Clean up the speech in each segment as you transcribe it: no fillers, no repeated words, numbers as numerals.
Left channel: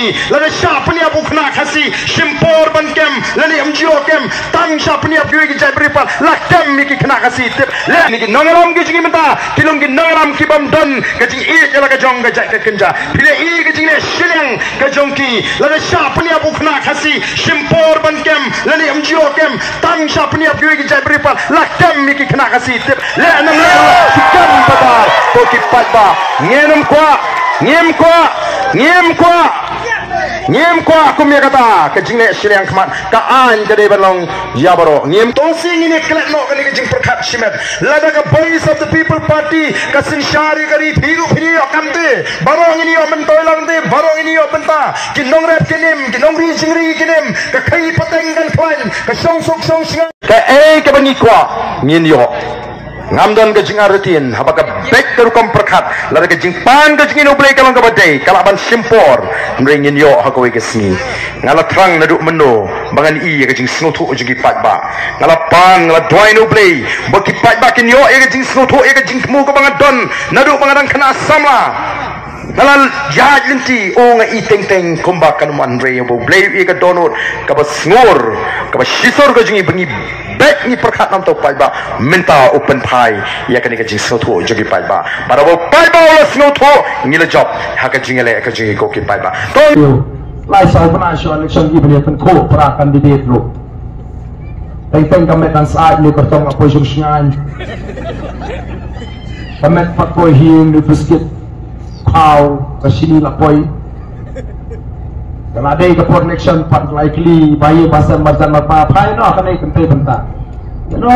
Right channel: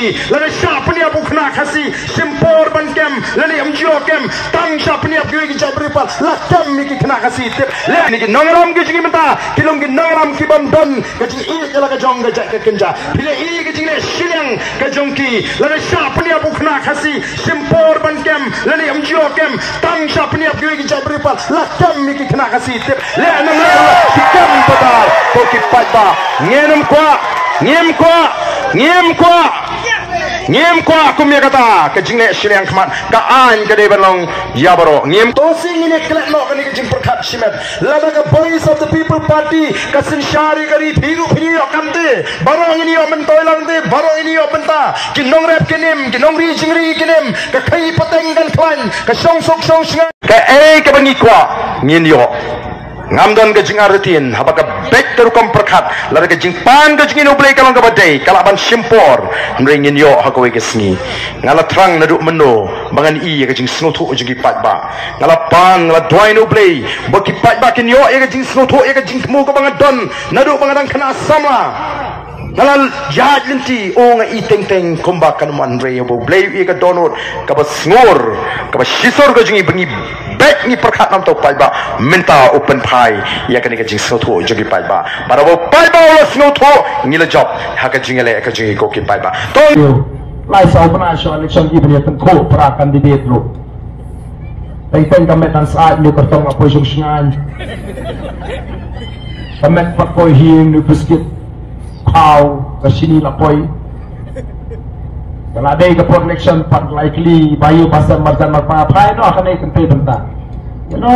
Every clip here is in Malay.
jongki lana sha pania bukna khasi shimpor ban kem lani amjio kem tang sha pania pyoi ki jai bripal la kem mi ki khna khasi tip le ni ki nongaram ki jingi menta kilong ki nongaram ki bam don ka jing e jala ka jong ka jai ka kenja phile e ki jingi shileng ka jongki lana sha pania bukna khasi shimpor ban kem lani amjio kem tang sha pania pyoi ki jai bripal la kem mi ki khna khasi tip le nam le ki kem badar ko ki patba ngenam ngiem kwa kumya kata ke jingne shriang khmat ka an ke de balong yabaro ngiem to sing ini klet no ke jing prakhat shimet lada ka voice of the people party ka sin shari kari phigu phiri okamte barong ini o mentoi langte barong ini o benta ki nongrep kenim ki nongri jingri kenim ka khai pateng kan khwan ka song singa ka e ke bangi kwa ngin yo ngamdon ke jingar rutin habaka back terukom perkat lari ke jing pan ke jingin ublay kalong ke badai kalaban shimpor mringin yo hakawai ke sini ngala trang naduk meno bangan i ke jing snotu jing pat ba ngala pan ngala dwain ublay baki pat ba kin yo ke jing snotu ke jing mu ke bangan don naduk bangadang kena sama ngala jahat linti o nga iteng teng kumbak kan man re bo blay ke donut ka ba snor ka ba shisor ke jing bangi back ni perkat nam to pai ba minta open thai ya kan ke jing snotu jogi pai ba barabo pai ba ola snotu ngile job ha ka jingele ka jingi ko ki pai ba to lai sau kana sho election gi bani tan ko pra candidate lo teng kamet nan saat ni kertong apo jung shngan kamet pat ko hin nu biskit pau ke sini lapoi kalau ada ke connection part likely bayi pasal marjan apa pai no akan ikut bentang you know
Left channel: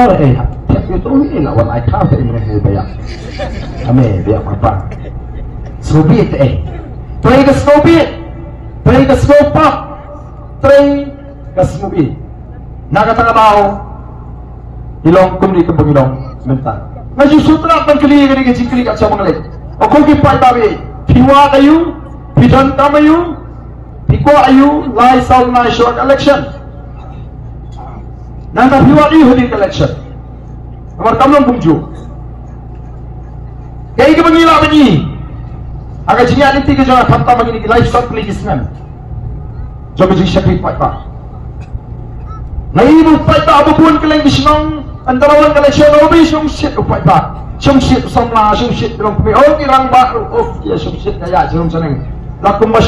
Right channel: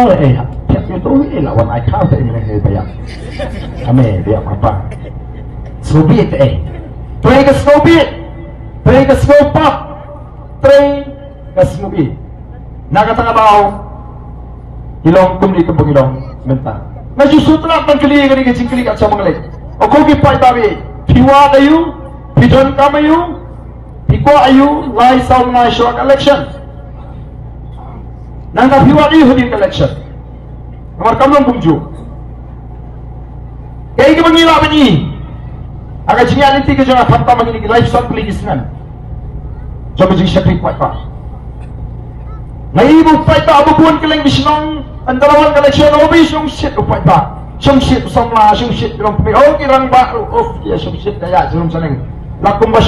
tiap itu ini lawan I count ini mereka bayar ame dia apa sobit try ke sobit try ke sopak try ke sobit nak kata bau ilong kumli kembung ilong mentang ngaju sutra pengkeli ke jingkeli kat cabang lek aku ki pai babi piwa ayu pidon kamayu piko ayu lai sau na short election nangka piwa di hudi election amar kamon bungju kai ke bangila bani aga jinga niti ke jara khamta bangini ki lai short policeman jobe jing shakri pai pa ngai bu pai pa abu kun keleng bisnong antarawan election obi shong shit pai pa shong shit somla shong shit rom pe oh kirang ba oh ya shong shit ya jerum seneng lakum ba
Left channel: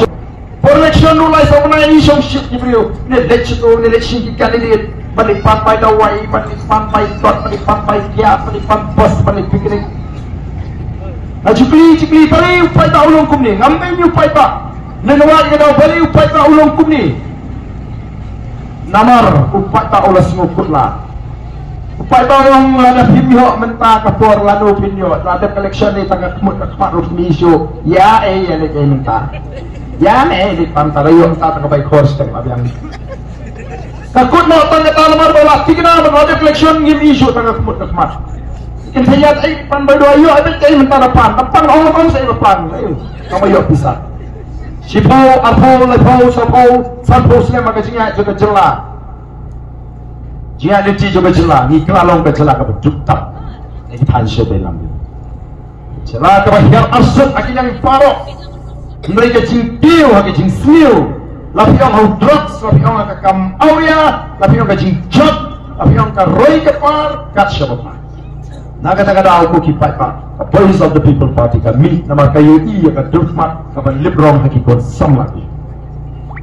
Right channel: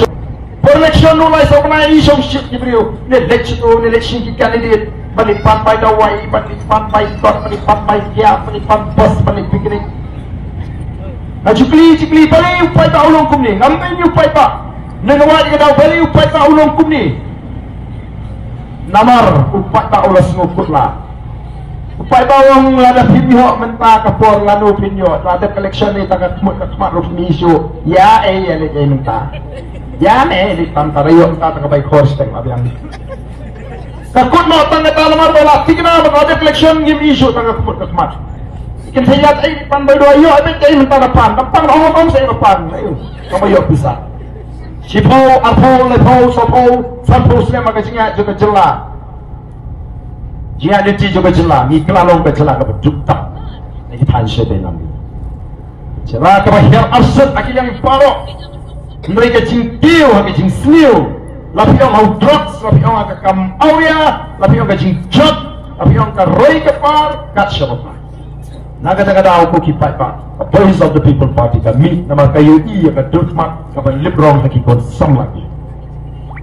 election no lai sabna ni shong shit ki brio ne election ki candidate balik papai dawai balik papai kia balik bos balik piknik jukli balik upai ta ulong kumni ngampai ni upai pa nenawat ke daw balik upai ta ulong kumni namar upai ta ulas ngukutla upai ta yang ada pimio menta kapor lanu pinyo ada collection ni tagak kemat rukmi isu ya le menta ya di pantarayo ta tagabay course teng abiang kakut mo tanga talamar bola tigna ba ada collection ngim isu tanga kemat ikin hayat ay panbay do ayo ay tay menta na pan tapang ho kon sa pan ayo kamayo bisa sipaw arpaw lepaw sopaw sanpaw sila magajinga juga jela jia liti juga jela ni kelalong ke jela ke bedukta ni pansye benam jela ke bahiyang arsut akilang paro mereka jing piu hake jing sniu lapi ang hau drugs lapi ang hake kam awya lapi ang hake jing jod lapi ang hake roi ke par kat syarupah naga-naga aku kipat pak voice of the people party kami nama kayu i ka durmat ka librong hakikon som lagi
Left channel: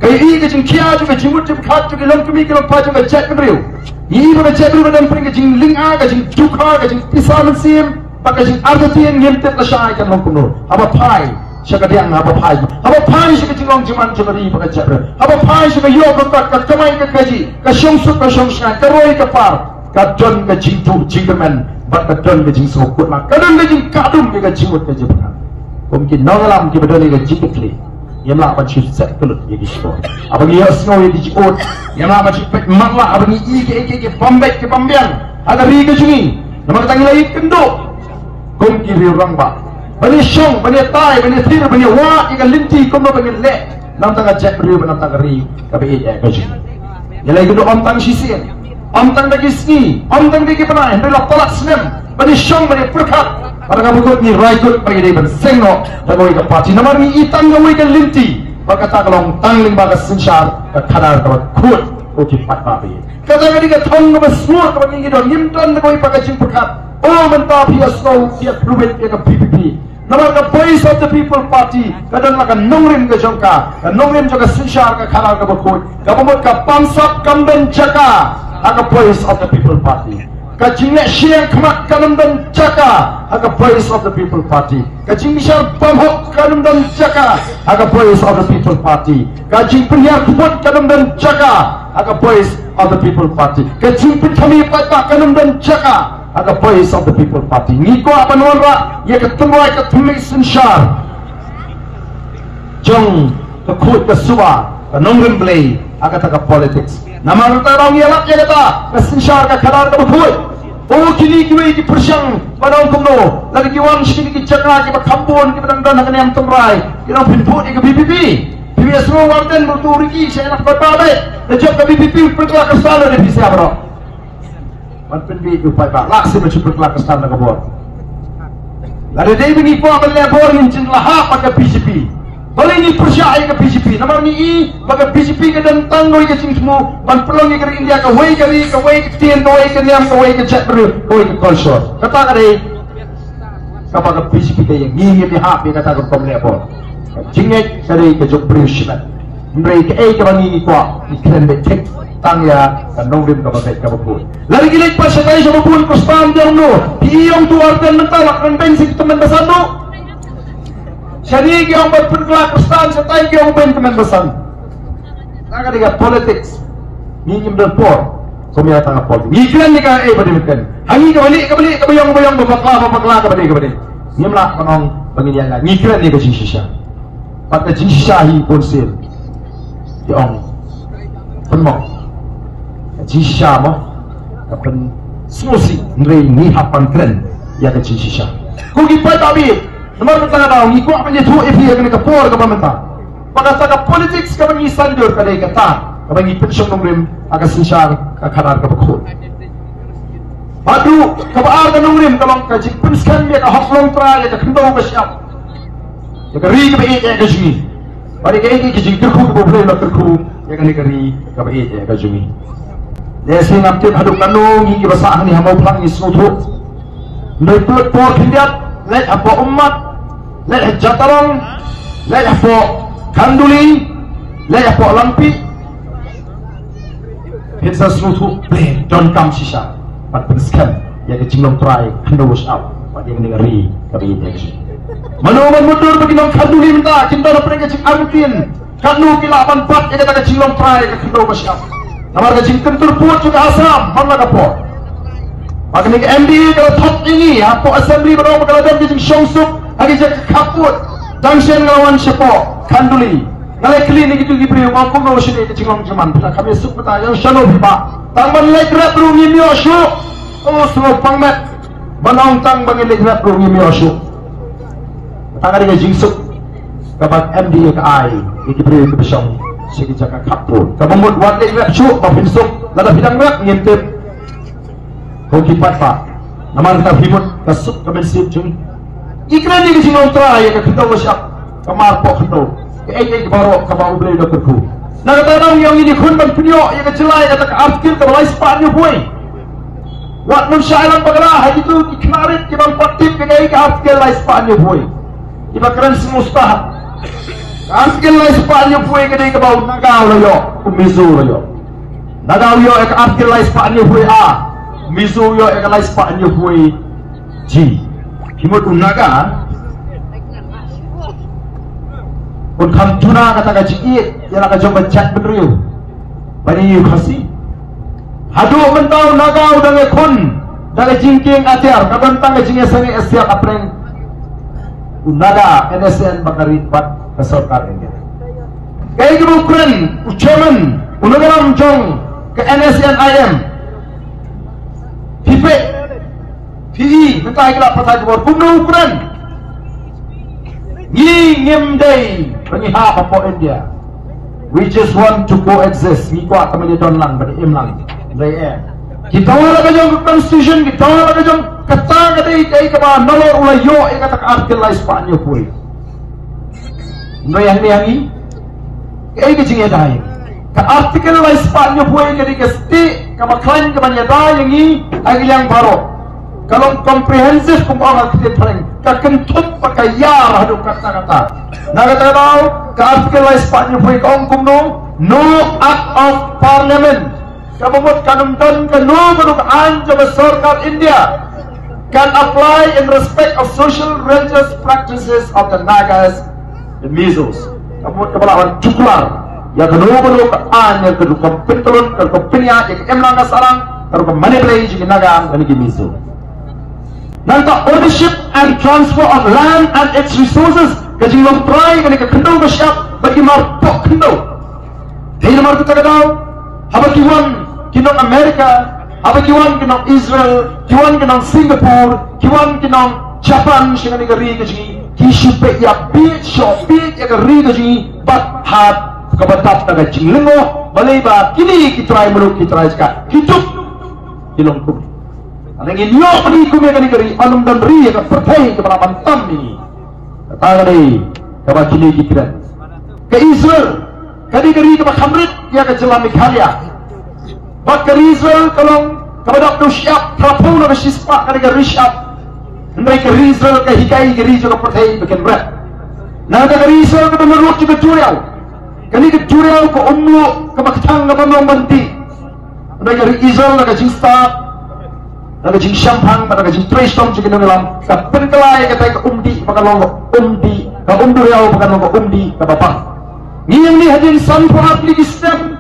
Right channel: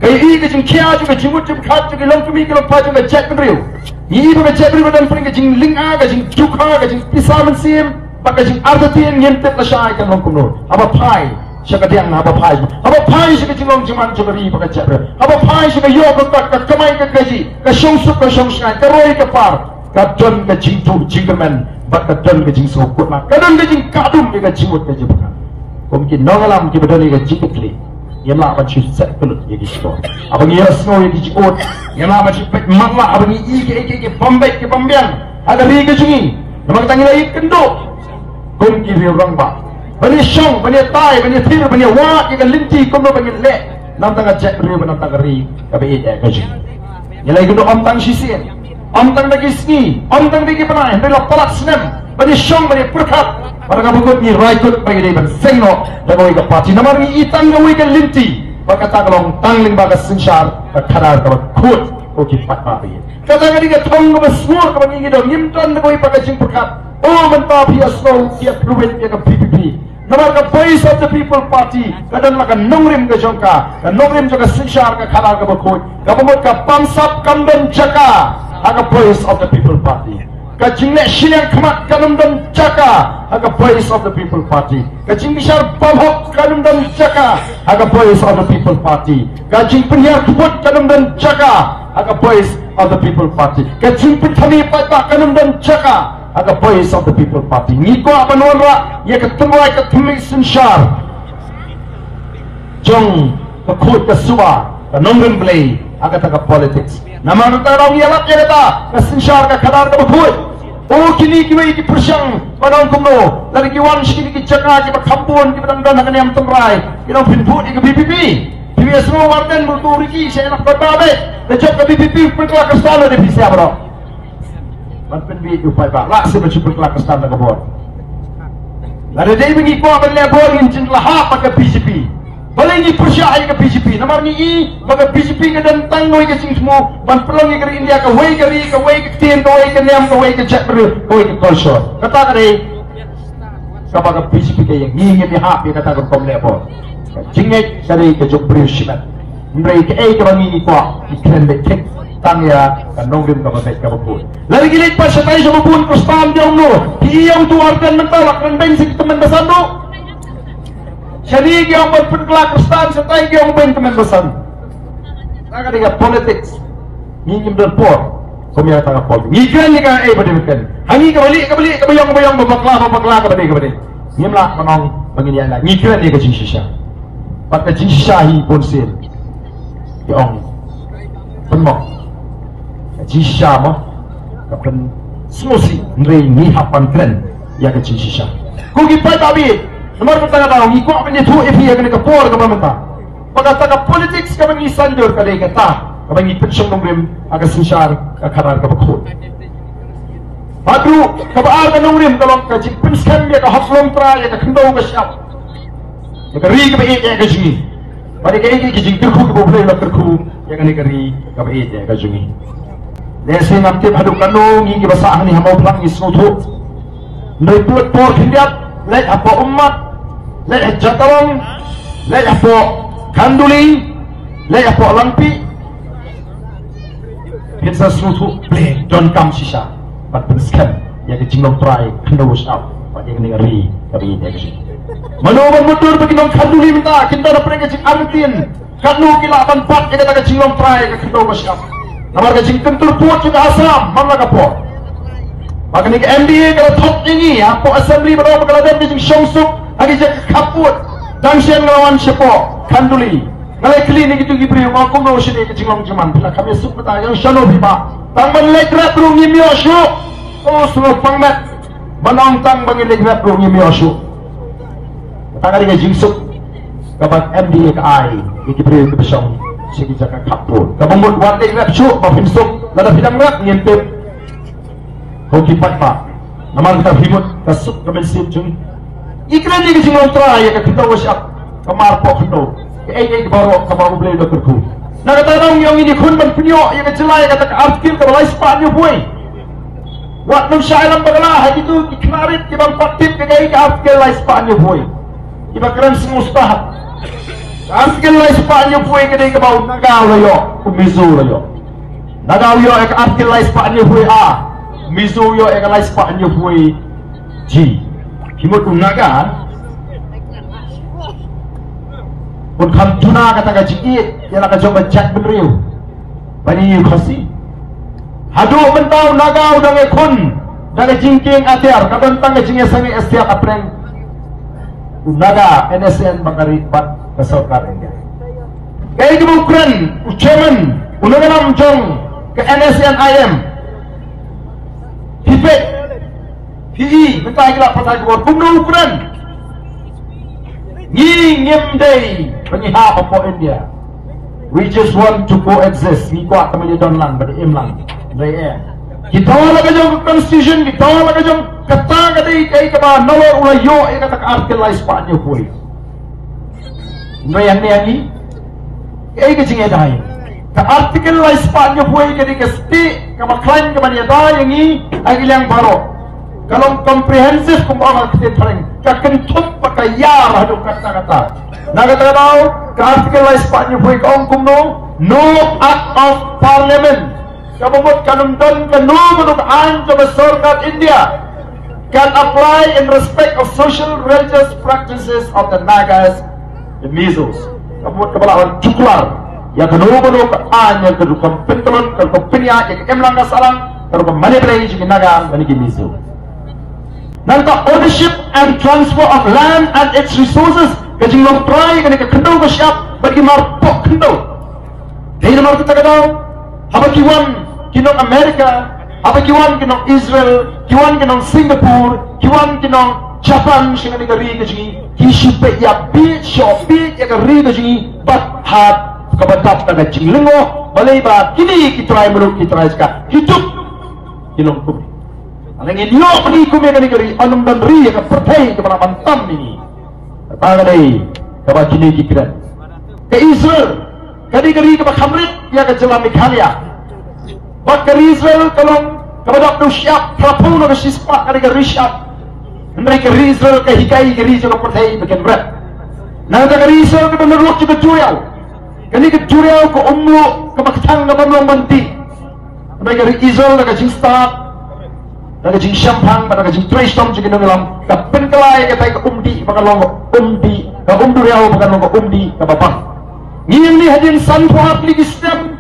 kayu i ke jing kia juga jimut jim khat juga long kami ke long pa juga jet beriu i ba jet beriu dan pring ke jing ling a ke jing dukha ke jing pisaman sim ba ke jing ardatin ngimtet la shay kan long kunur aba pai siya diang haba pai siya jingong jiman jabari baka jabra haba pai siya yo ka kamay ka kaji ka sungsuk ka sungskan ka roy ka par ka don ka jingtu jingaman bat ka don ka jing sokut na ka don ka jing kadum ka jimut ka jibka kumkin nangalam ki badoni ka jikitli yamla ka chief set kulut ye gisko abang yes no ye jikot yamla ka chief mangla abang i ke bombek ke bombyang ada ri ka jingi namang tangi lai kendo kumki ri orang ba bani syong, bani tai, bani thir, bani wa, ikan linti, kumno bani le, nam tanga jet beri, nam tanga ri, kabe it kaji. Yalai kudo om tang sisir, om tang dagi sni, om tang dagi panai, hendak palak senem, bani syong, bani perkat, pada kamu kut ni raikut bagi dia ban sengno, dan bagi parti. Namar ni itang ngawi ikan linti, baka tagalong tangling baka sinsyar kanar ka kut o kipat babi kata ka di ka thong ka smooth ka ngi do yimtan ko ipaka jing pakat o man pa pia slow pia proven pia ka PPP nama ka voice of the people party kadang ka nongrim ka jongka ka nongrim joka sinsyar ka kanar ka kut ka pamot ka pamsap kamdan jaka aga voice of the people party ka jingle siang khamat kanamdan jaka aga voice of the people party ka jing misal pamhok kanamdan jaka aga voice of the people party ka jing penhiar kibut kanamdan jaka aga voice of the people party ka jing penthami patba kanamdan jaka aga voice of the people party niko apa nonra ya ketemu ai ketumi sinshar jong ka khut ka suwa ka nongrim blai aga taka politics nama kita orang yalak ya kata sinshar ka khadar ka khut oh kini kiwai ki persyang padang kumno lagi kiwan sikini ki cakra ki kampun ki pedang-pedang hangani am temrai kita pinput ki BPP dia semua warden untuk riki saya nak berbabe job ke BPP perkelak kesana di pisi abro warden bi upai ba laksi berperkelak kesana ke bor lada dia bengi ko akan lebor incin lahap ke BPP boleh ni persyai ke BPP namar ni i baga BPP ke dan tangoi ke sing semua ban pelongi ke India ke wei ke tien ke wei ke niam ke wei ke chat beru ke wei ke polsor kata kare ka baga BPP ke yang ngi mi hap be kata ke kom lebor jingek dari ke jok beru shibat mrei ke ai ke bangi ko ikren be tek tang ya nongrim ka bagai ka bupun lagi gilik pa sa tayo sa bupun ko spam jong no iyong tuwargan mentalak rendeng si teman basando Syari yang berperkelak kestan setai yang teman besan. Naga dengan politics. Ini berpor. Kami akan politik. Ikan ni kan berdemikian. Hangi kembali kebayang berpaklah kembali. Ini lah penong pengindian lah. Ikan ni kecing sisa. Pat kecing sisa hi ponsil. Yang penong. Kecing sisa mo. Kapan smosi nrei ni hapan keren ya kecing sisa. Kugi pai tabi. Nomor pertama dah, ngikut apa ni tu FI yang kena kapor ke pemerintah. Pada saat politik sekarang ni sanjur kadai kata, kalau ni pensiun nongrim agak sinsar kadar ke bekut. Aduh, kabar ke nongrim kalau kaji pensiun dia ke hak long tera dia ke kendau ke siap, dia ke ri ke baik dia ke sini. Pada ke ini kaji kerku ke boleh nak kerku, dia ke ri ke baik dia ke sini. Lesi ngapti haduk kanong hingga basah ni hamau pelang ni semua. Mereka por kindiat. Lek apa umat, lek jataran, lek apa kanduli, lek apa lampi. Kita semua play don kam sisa, pat penskan, ya kecilong try, kandulus out, pat yang ngeri, kami ini kesini. Mana mundur bagi dong kanduli minta, kita dapat kecil artin, kandu kilapan pat, ya kita kecilong try, kandulus out. Namar kecil kentur puat juga asam, mana kapok. Maka ni MDA kalau top ini, apa assembly berapa kalau dia jadi shongsuk, lagi jadi kaput, tangsian lawan siapa, kanduli. Kalau klinik itu diberi, aku mau sini kecingong cuman. Bila kami sebut yang shalom bipa, tangman legrat rungi mioshu, oh semua pangmet, banang tang bagi legrat rungi mioshu. Tangan dengan jingsuk, kabat MDA ke ai, diberi ke besong, segi jaga kaput. Kamu buat legrat syuk, maafin suk, lada bidang rat ngintip. Hoki patpa, nama kita himut kasut kemensim cumi. Ikran ni kesini ontra ya kita wasap kamar pok kita. Ke baru kamar boleh dokter pun. Nak kata orang yang ini kun berpenyok yang kecelai kata artikel kebalai sepatnya boy. Wat nun syairan bagalah itu kemarin kita patip ke artikel lai sepatnya boy. Iba keren semustahap. Artikel lai sepatnya boy ke bau naga loyo, umizu loyo. Naga loyo ke artikel lai sepatnya boy a. Mizo yo ekalai sepatnya hui ji himut unaga un kam tuna kata kaji ya nak jom chat beriu bani yu khasi hadu mentau naga udah ngekun dari jingking atiar kadang tang jingnya sangi esiak apreng unaga NSN bakari pat kesorkar ini kayak gitu keren ucapan unaga jong ke NSN IM Pipe, PE, mentah kita pasal keluar bunuh Ukraine. Ngim day, penyiha apa India. We just want to coexist. Ni kuat kami don lang, beri imlang, beri Kita orang kajong constitution, kita orang kajong kata kadai kai kaba nalo ulayo, kata artikel lai Spanyol pui. Yang ni, Kaya ka jing edai. Ka artikel la Spanya buhay ka di ka sti, ka maklaim ka man edai yang i, ay ilang baro. Kalau comprehensive kung apa kita terang, ka kentut pa ka yar hadu kata-kata. Nagata daw, ka artikel la Spanya buhay ka ong kumno, no act of parliament. Kabumot kanundan ka no manuk anja masyarakat India can apply in respect of social religious practices of the Nagas and Mizos. Kabumot kabalaban cuklar. Ya kedua manuk anja kedua pentelun kedua penya ya emlang kasarang kedua manipulasi jigi Naga dan jigi Mizo. Nanta ownership and transfer of land and its resources kajing long try kani ka kendau ka siap bagi marpok kendau. Dahil mar kita kadau haba kiwan kinong Amerika, haba kiwan kinong Israel, kiwan kinong Singapore, kiwan kinong Japan siya nga nagari ka siya kishupe ya bit, shopit ya gari ka siya bat hat kabatap na ka jinglingo balay ba kini kitray muluk kitray ka kituk kinong kumi anang inyo kani kumi ka nagari anong dandri ya ka patay ka panapantam ini katanga day kaba kini kikiran ka Israel kani gari ka makamrit ya ka jala Mikhalia bak Israel kalong kabadak no siap trapong na sispa kani ka Rishab ndai ka Israel ka hikai ka Israel ka patay bikin rat na ka Israel ka menurut ka Jurial kani ka Jurial ka ummu ka makatang ka pamang manti ndai ka Israel ka jingsta na ka jing shampang na ka jing tristom jing nongalam ka penkelay ka tay ka umdi makalong umdi ka umdurial ka umdi ka babang ngiyang ni hadin sanpuat ligistem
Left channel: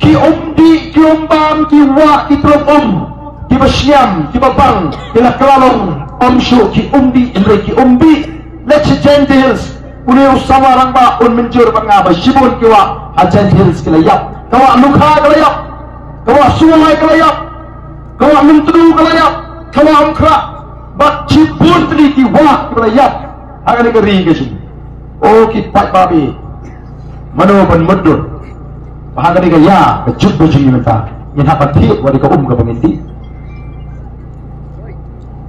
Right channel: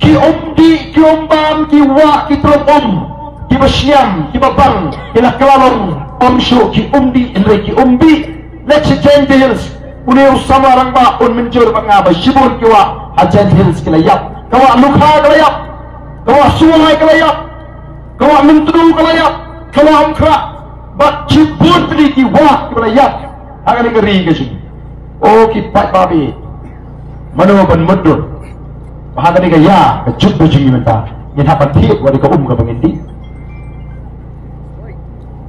ki umdi, ki umbam, ki wa, ki tropom, ki basyam, ki babang, ki lakralong, amsyo, ki umdi, indre ki umbi, leche Gentiles, unew sama orang ba, un menjur pangaba, shibun ki wa, ha Gentiles ki layap, kawa lukha ki layap, kawa sulay ki layap, kawa mintru ki layap, kawa amkra, bat shibun ki wa, ki layap, hangani ka ri ki oh ki pat babi, mano ban mudur, bahagia ni gaya kejut bujung minta yang dapat tiap wadi ke ke penginti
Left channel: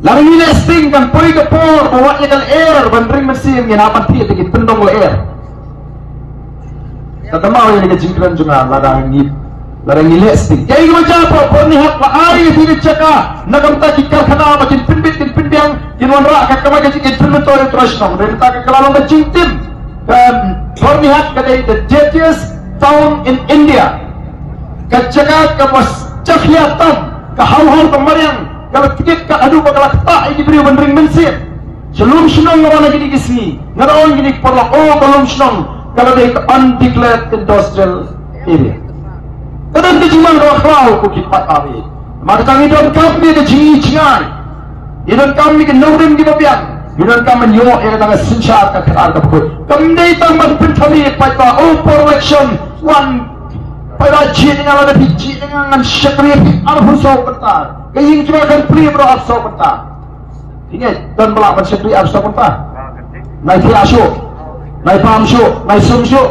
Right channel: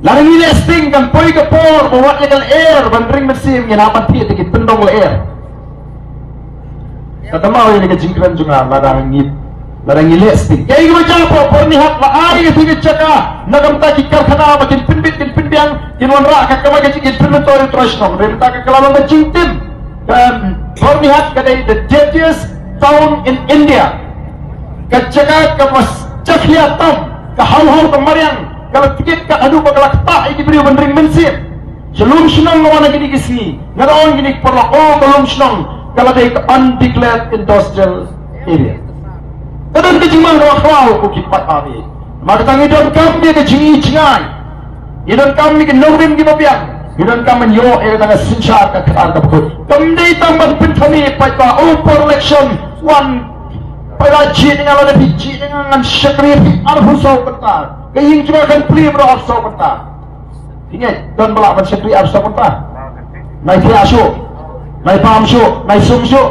lalu ini listing kan poi ke por bawa yang air bandring mesin yang dapat tiap dikit tendong air kata mau ini kejingkran juga larang ini listing kayak gimana japa por ni hat lah air itu cakap nak minta kikar kena makin pinbiang kinon rak kakak macam kikir pinbiang terus nong minta kakak lalu kejingtim dan por ni hat kadai the dirtiest town in India kajaga ke masjahyatam ke hau-hau kemarian kalau tikit ke adu ke kelakta ini beri bandring mensir sebelum senang orang lagi di sini ngarawan gini perlu belum senang kalau dia ke undeclared industrial area kadang kejimang doa kau bukit pat awi maka tangi don kami ke jingi jingai idon kami ke naurim di babian idon kami yo yang tengah sincap ke kelar ke bukit kami tambah pentami pat per election one pada jin dengan ada biji dengan syakri arfu sau kata kaying cuma kan pri berarfu sau kata ingat dan belak syakri arfu sau kata naik asyuk naik paham syuk naik sum syuk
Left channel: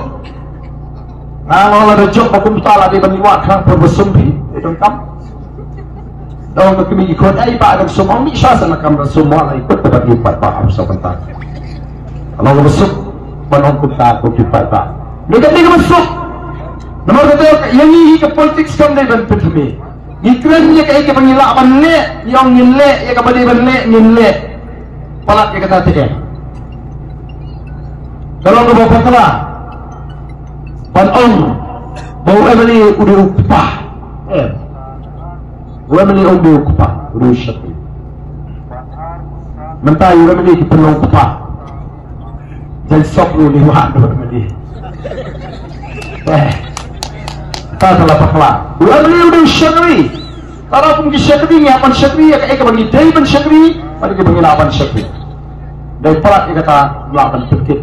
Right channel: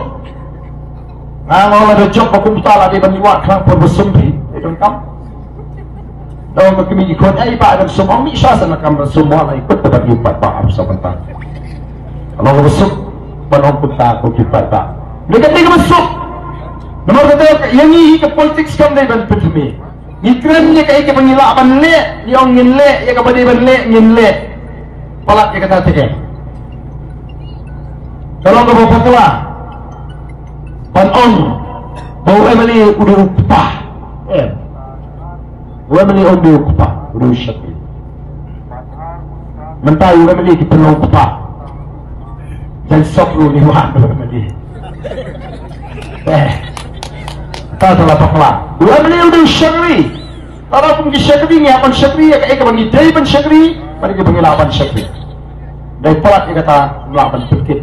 kalau ada job aku mutala di bandiwak kan bersumpi itu kan dalam kami ikut pak dan semua misal sana kan semua ikut bagi pak arfu sau kata kalau bersuk banon kita bukit pak negatif bersuk nomor kata yang ini ke politik sekarang dari penthmi ikrannya kayak ke pengilak banle yang ngile ya ke badi banle ngile palak ya kata teh kalau ke bapak tua ban on bawa beli udah upah udah beli udah upah udah syakir mentai udah beli di penuh upah jangan sok lu di wah udah beli tak ada apa-apa. Ulah beli udah syakri. Kalau pun syakri ni, apa syakri? Eka bagi day pun syakri, bagi bagi lapan syakri. Dari perat eka kata lapan perkit.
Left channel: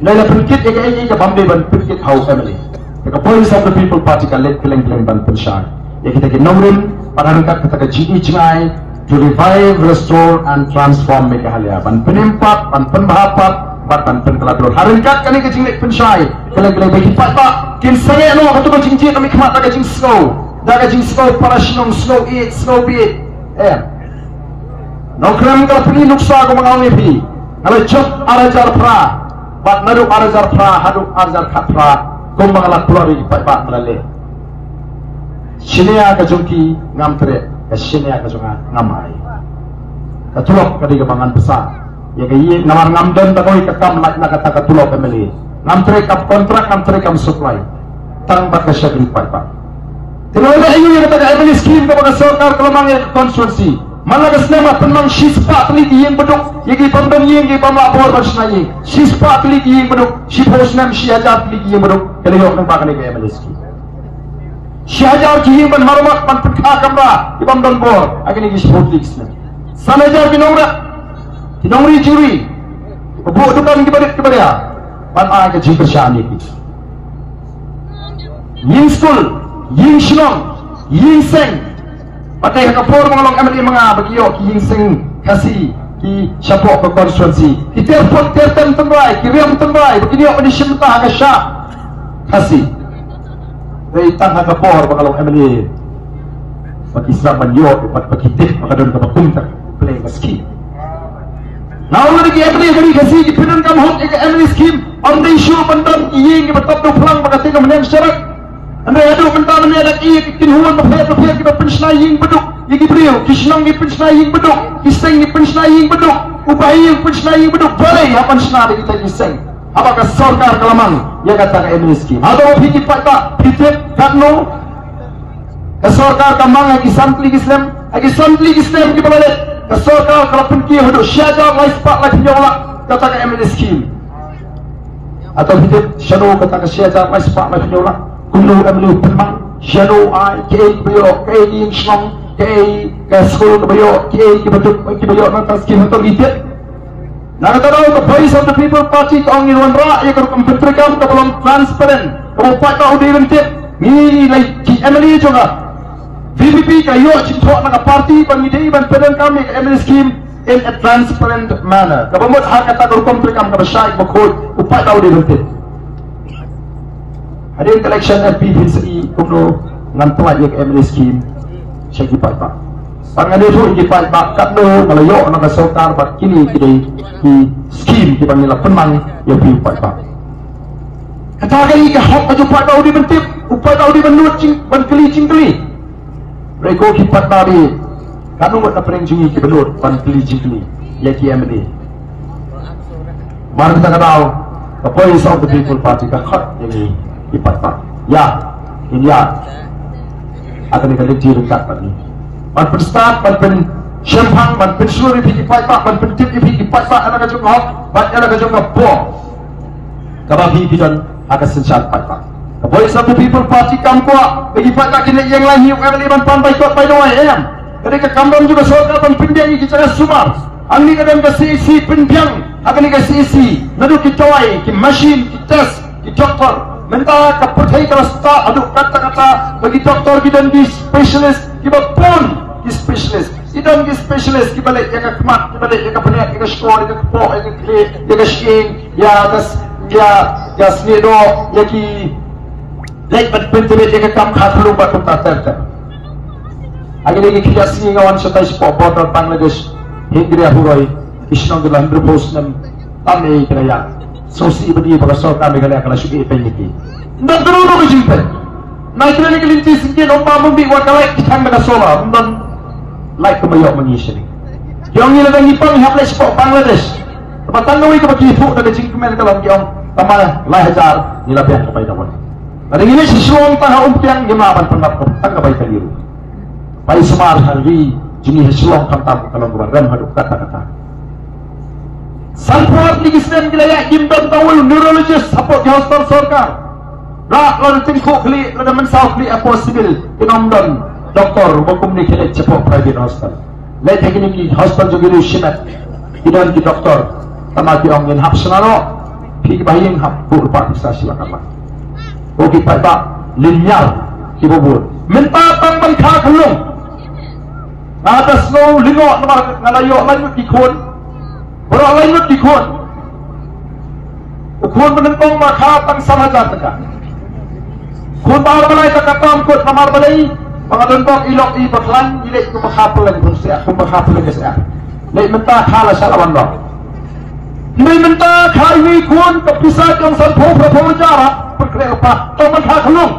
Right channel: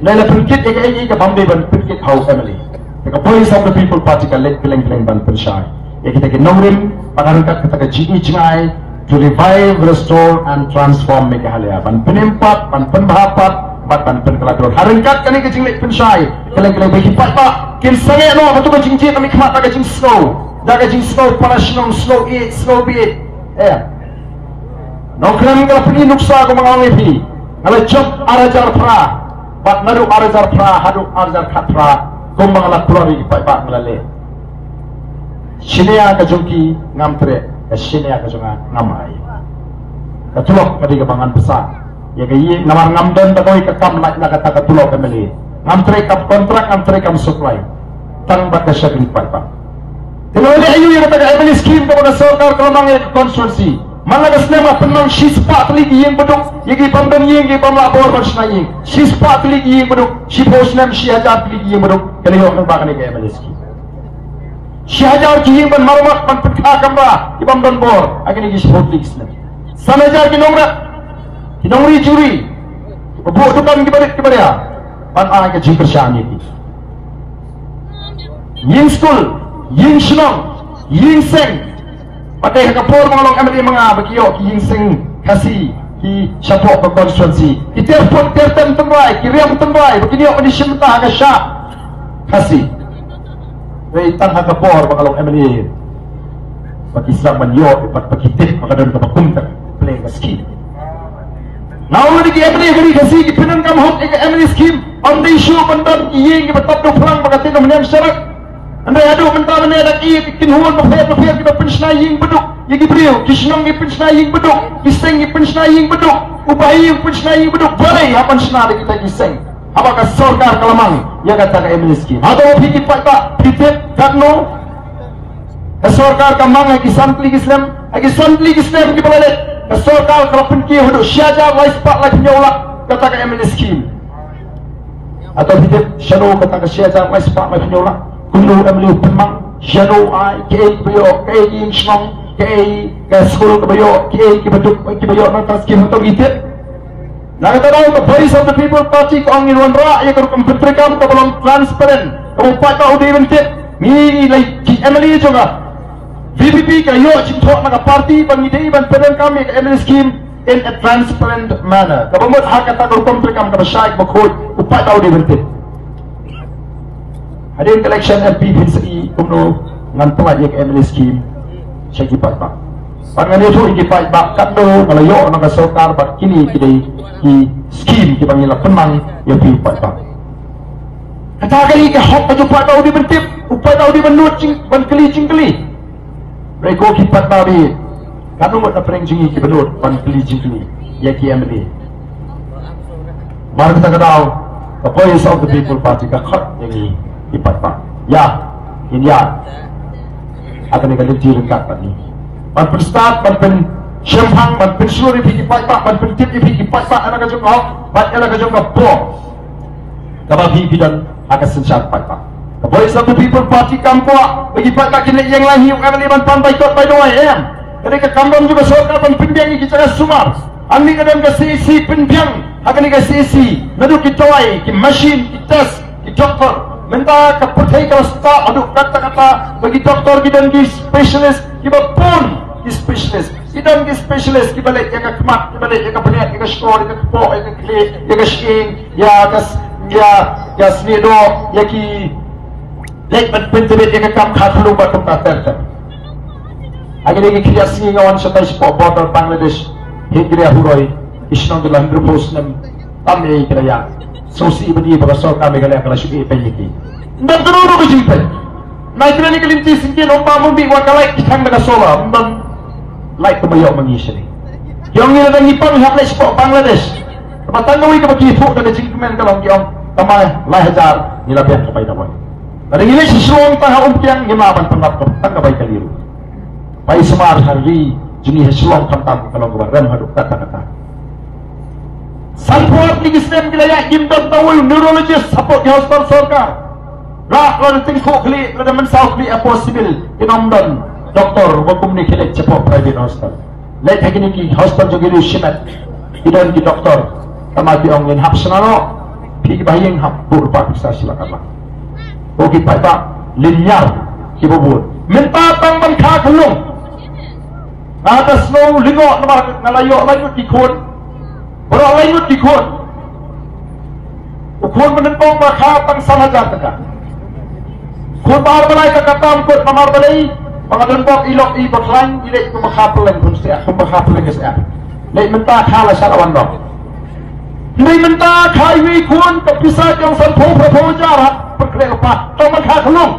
Dari perkit eka bambi ban perkit how family. Eka Voice of the People Party kalet keleng ban persyai. Eka kita naurim pada rangkat kita ke jini jengai to revive, restore and transform Meghalaya. Ban penempat, ban pembahapat. Ban penkelabur. Haringkat kani ke jinglik pensyai. Keleng bagi pak. Kin sangat no betul betul jing kami kemat dah jing snow. Dah jing snow para sinong snow eat snow beat. No kram kalau pergi nuksa aku mengalami Kalau job arajar pra, bat nadu arajar pra, hadu arajar katra, kung mga nakulari ipa malali. Sinia ka jungki ngamtre, sinia ka junga ngamay. Katulok kadi kabangan besar. Ya kayi nawar ngamden takoy kakam na kata katulok kemeli. Ngamtre kap kontrak, ngamtre kam supply. Tang baka siya ipa. Tengok ayu yang kata kata skim kepada sokar kelemang yang konstruksi. Malagas nama tenang sispa teliti yang beduk, yang pembeli yang pembeli abor bersnai. Sispa teliti yang beduk, siposnam siajar teliti yang beduk. Kalau yang nampak ni kaya meliski. Siajar jihing ben marumak ben perkah kamera, ibam ben bor. Agen ini sport league ni. Sana jar kinongri juri. Buat tukang kepada ya. Ban agen jingkar syani ni. Ying school, ying shlong, ying seng. Pakai kapur mengolong MLA menga bagiyo ki yingseng kasi ki syapok ke konstituensi ki telefon tembai ki riam tembai begini di simta ka sya kasi dari tang kapur mengolong MLA bagi saman yo bagi tip makadon ka bakumta play ka ski now lagi MLA gari kasi ki pinan kam hot ka MLA scheme on the issue bandan ying ki batap do plang bagati ka menem syarat. Anda ada bentar ni ada kinhuan mafia kita pensnai ying beduk, yigi brio, kisnong kita pensnai ying beduk, kiseng kita pensnai ying beduk, ubai kita pensnai ying beduk, boleh apa pensnai kita kiseng. Apakah sorkar kelamang yang kata ke MNSK? Atau fikir pak fikir karno kesorkar kamang lagi santli Islam kita boleh kesorkar kalau penki hidup syajar lais pak lagi nyola kata ke MNSK. Atau fikir shadow kata ke syajar lais pak lagi nyola. Kulo amli pemang shadow ai ke bio ke ing snong ke school ke bio ke beduk ke bio atas skin atau gitu. Nah kalau the voice of the people party kong in ra ya kalau komputerkan ke belum transparent kalau patah udah bentuk ni lagi MLA juga VPP kayo cinta nak party pengidai ban pedang kami ke MLA scheme in a transparent manner kalau mau hak kata kalau komputerkan ke syaik makhluk upatah udah bentuk. Ada yang election MP PCI kuno ngantar yang MLA scheme saya kipat. Orang itu kipat bakat lo kalau yo nak sokar bak kini kini ki scheme kita panggil penang yang kipat. Kata kali ke hak aja pada udi bentip, upah tahu di benut ban keli. Mereka kipat babi. Kanu nak pereng jingi ki benut ban keli ya ki MLA. Mari kita tahu apa yang of the people party ka hak yang ini. Ipatpa, ya, ini ya, akan dikali direngkat tadi. Ban start, ban syarhang, ban seluruh ipatpa, ban tip ipatpa, anak kacung hok, ban anak kacung bom. Kabagi bidan akan senjat patpa. Kaboy satu people party kamkua, bagi patpa kini yang lain hiu kami ban pandai kot by doa ya. Ketika kambang juga soal ban pinjang ini kita sumar. Ami kadang kasi si pinjang, akan dikasih si, nadu kitoi, ki machine, ki test, ki doktor. Minta kepercayaan kalau start aduk kata-kata bagi doktor kita di specialist kita pun di specialist kita di specialist kita balik yang kemat kita balik yang kepenyat yang skor yang kepok yang klik yang skiing ya snido yang ki lek penting yang kam khatlu batum tater lagi kia sni ngawan setai sport border Bangladesh hingga huwai isnong dalam berbos nem tamai kerja sosi beri berasal kami kalau akan suki penyiki. Nak terus ke jumpa. Nak kena kelinci sikit ompa membi wakalai kita nak sola. Dan like kebayar mengisi. Yang ini lagi pang hak sport Bangladesh. Patang nawi ke bagi fuk dan jingkemen kalau kiong tamai lai hajar ni lebih kepada dawan. Ada ini sesuatu tanah umpiang yang maafan pengat tak kebaik keliru. Pai semar hari juni sesuatu kantam kalau buat rem haduk kata-kata. Support lagi sistem kita ya imdon tawul neurologist support di hospital sorkar. Rak lalu tingkuk kli ada mensau kli possible imamdon doktor hukum ni kini cepat private hospital. Lain lagi ni hospital juga di simet. Kita di doktor tamati orang yang hap senaro pi baying hap burpa bisa silakan. Oke pada linear kibubur. Minta tanggal kagelung. Atas no lingo ngalayo lanjut ikut. Orang lain itu dikut. Ukun menentang maka tang salah jataka. Kun bahar balai kakatam kot namar balai. Mga dengkok ilok i baklan ilek ko makapulan kung siya. Kung makapulan siya. Lek mentah kala sa lawan dok. Hindi mentah kaiwi kun kapisat yung salpo jara. perkelek apa tong makan kelung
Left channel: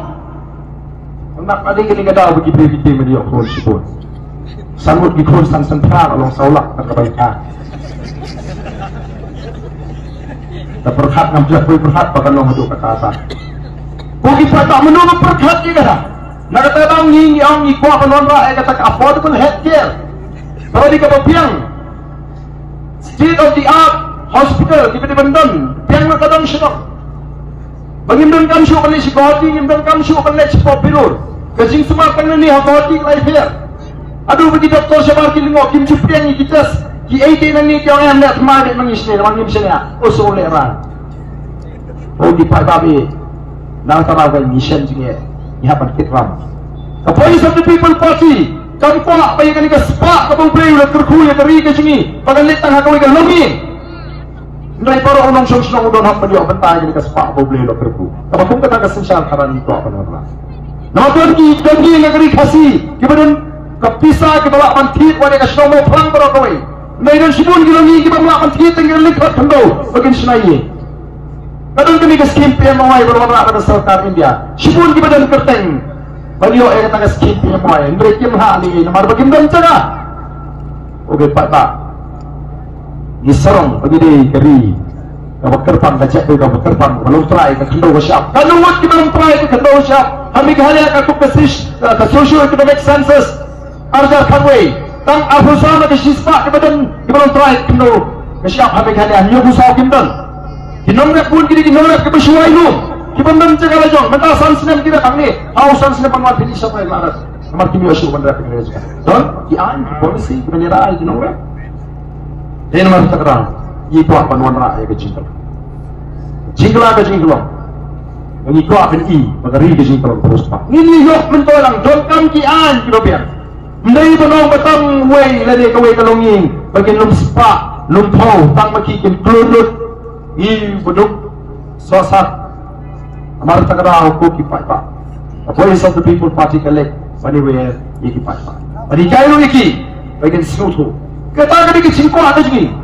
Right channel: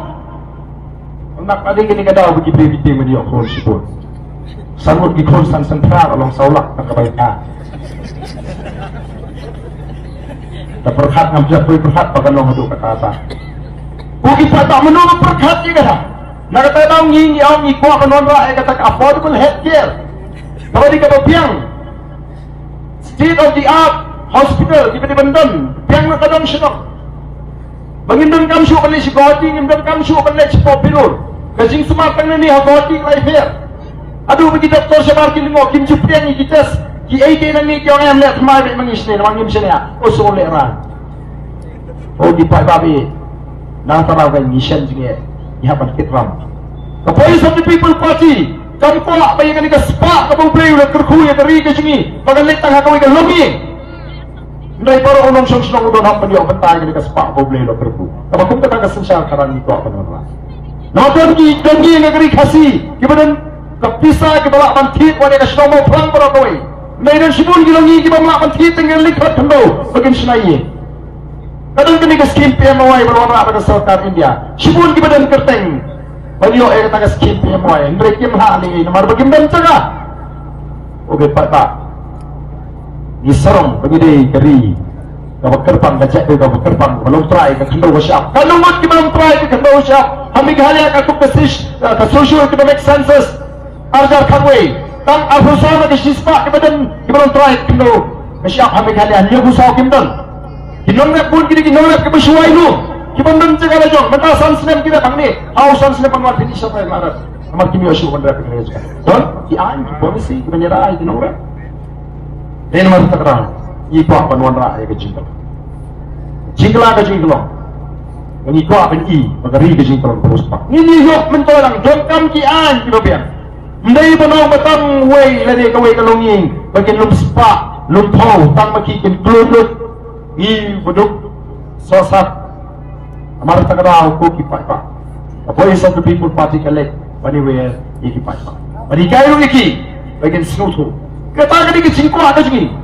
nak ada gini kada bagi private media kon sipun sanggut di kon san sentral Allah saulak kebaikan terperhat ngambil perhat pakai long hidup kata atas bagi tak menunggu perhat juga nak kata tang ngi ang ngi kuat penonra kata affordable healthcare kalau di kebapiang state of the art hospital di Bandung piang nak kadang syuruk bangindon kam syuk kan si godi ngindon kam syuk kan si popilur kajing semua kan ni godi life here aduh bagi doktor sebar ki lingo kim jupian ni kita ki ide nani ki orang lihat mai mengisne orang misnya usul leran oh di pagabi na tanaga mission jinge yapan kitram the voice of the people party kam ko apa yang ni ka spa ka boleh ulat kerkuya dari ke jingi pagalit tang ka ka lomi Nilai para unang siyang sinang udon hap maniyo bantay ni kaspa ko blelo kerku. Kama kung kata kasensyal karan nito apa nara. Nakon ki dongi ngagri kasi kibadan kapisa kibala pantit wani ka shlomo plang para koy. Mayroon sibun gilongi kibama pantit ng likhat kando bagin sinayi. Kadang kini ka skim PMY wala ka sarkar India. Sibun kibadan kerteng. Maniyo ay kata ka skim PMY. Ndre kim hali namar bagin dan jaga. Oke Pak. Isarong begini keri kalau kerpan kacak kalau kerpan kalau try ke kendo siap kalau wat kita try ke kendo siap kami kali akan kukesis ke social economic census arjar kanway tang abusana ke sispa kita try kendo siap kami kali anyo busau kimdan kinongak pun kini kinongak ke bersuai lu kibandang cakap aja mata sansinem kita kami hausan sinem pamat ini siapa yang marah amar kimi osu bandra pengereja don ki an polisi menyerah kinongak ini mari kita kerana ini kuat penuanra ayah kejingkal jingkala kejingkal ini kuat kan i magari kejingkal terus pak ini yok mentolang jongkam ki an kilo biar mendai benau batang way lade kaway kalonging bagian lum spa lum thau tang makikin kludut i buduk sosat amar kita kerana ko ki pak a voice of the people party collect anywhere iki pak bagi kayu iki bagian seluruh kata kali ke cingko ada jengi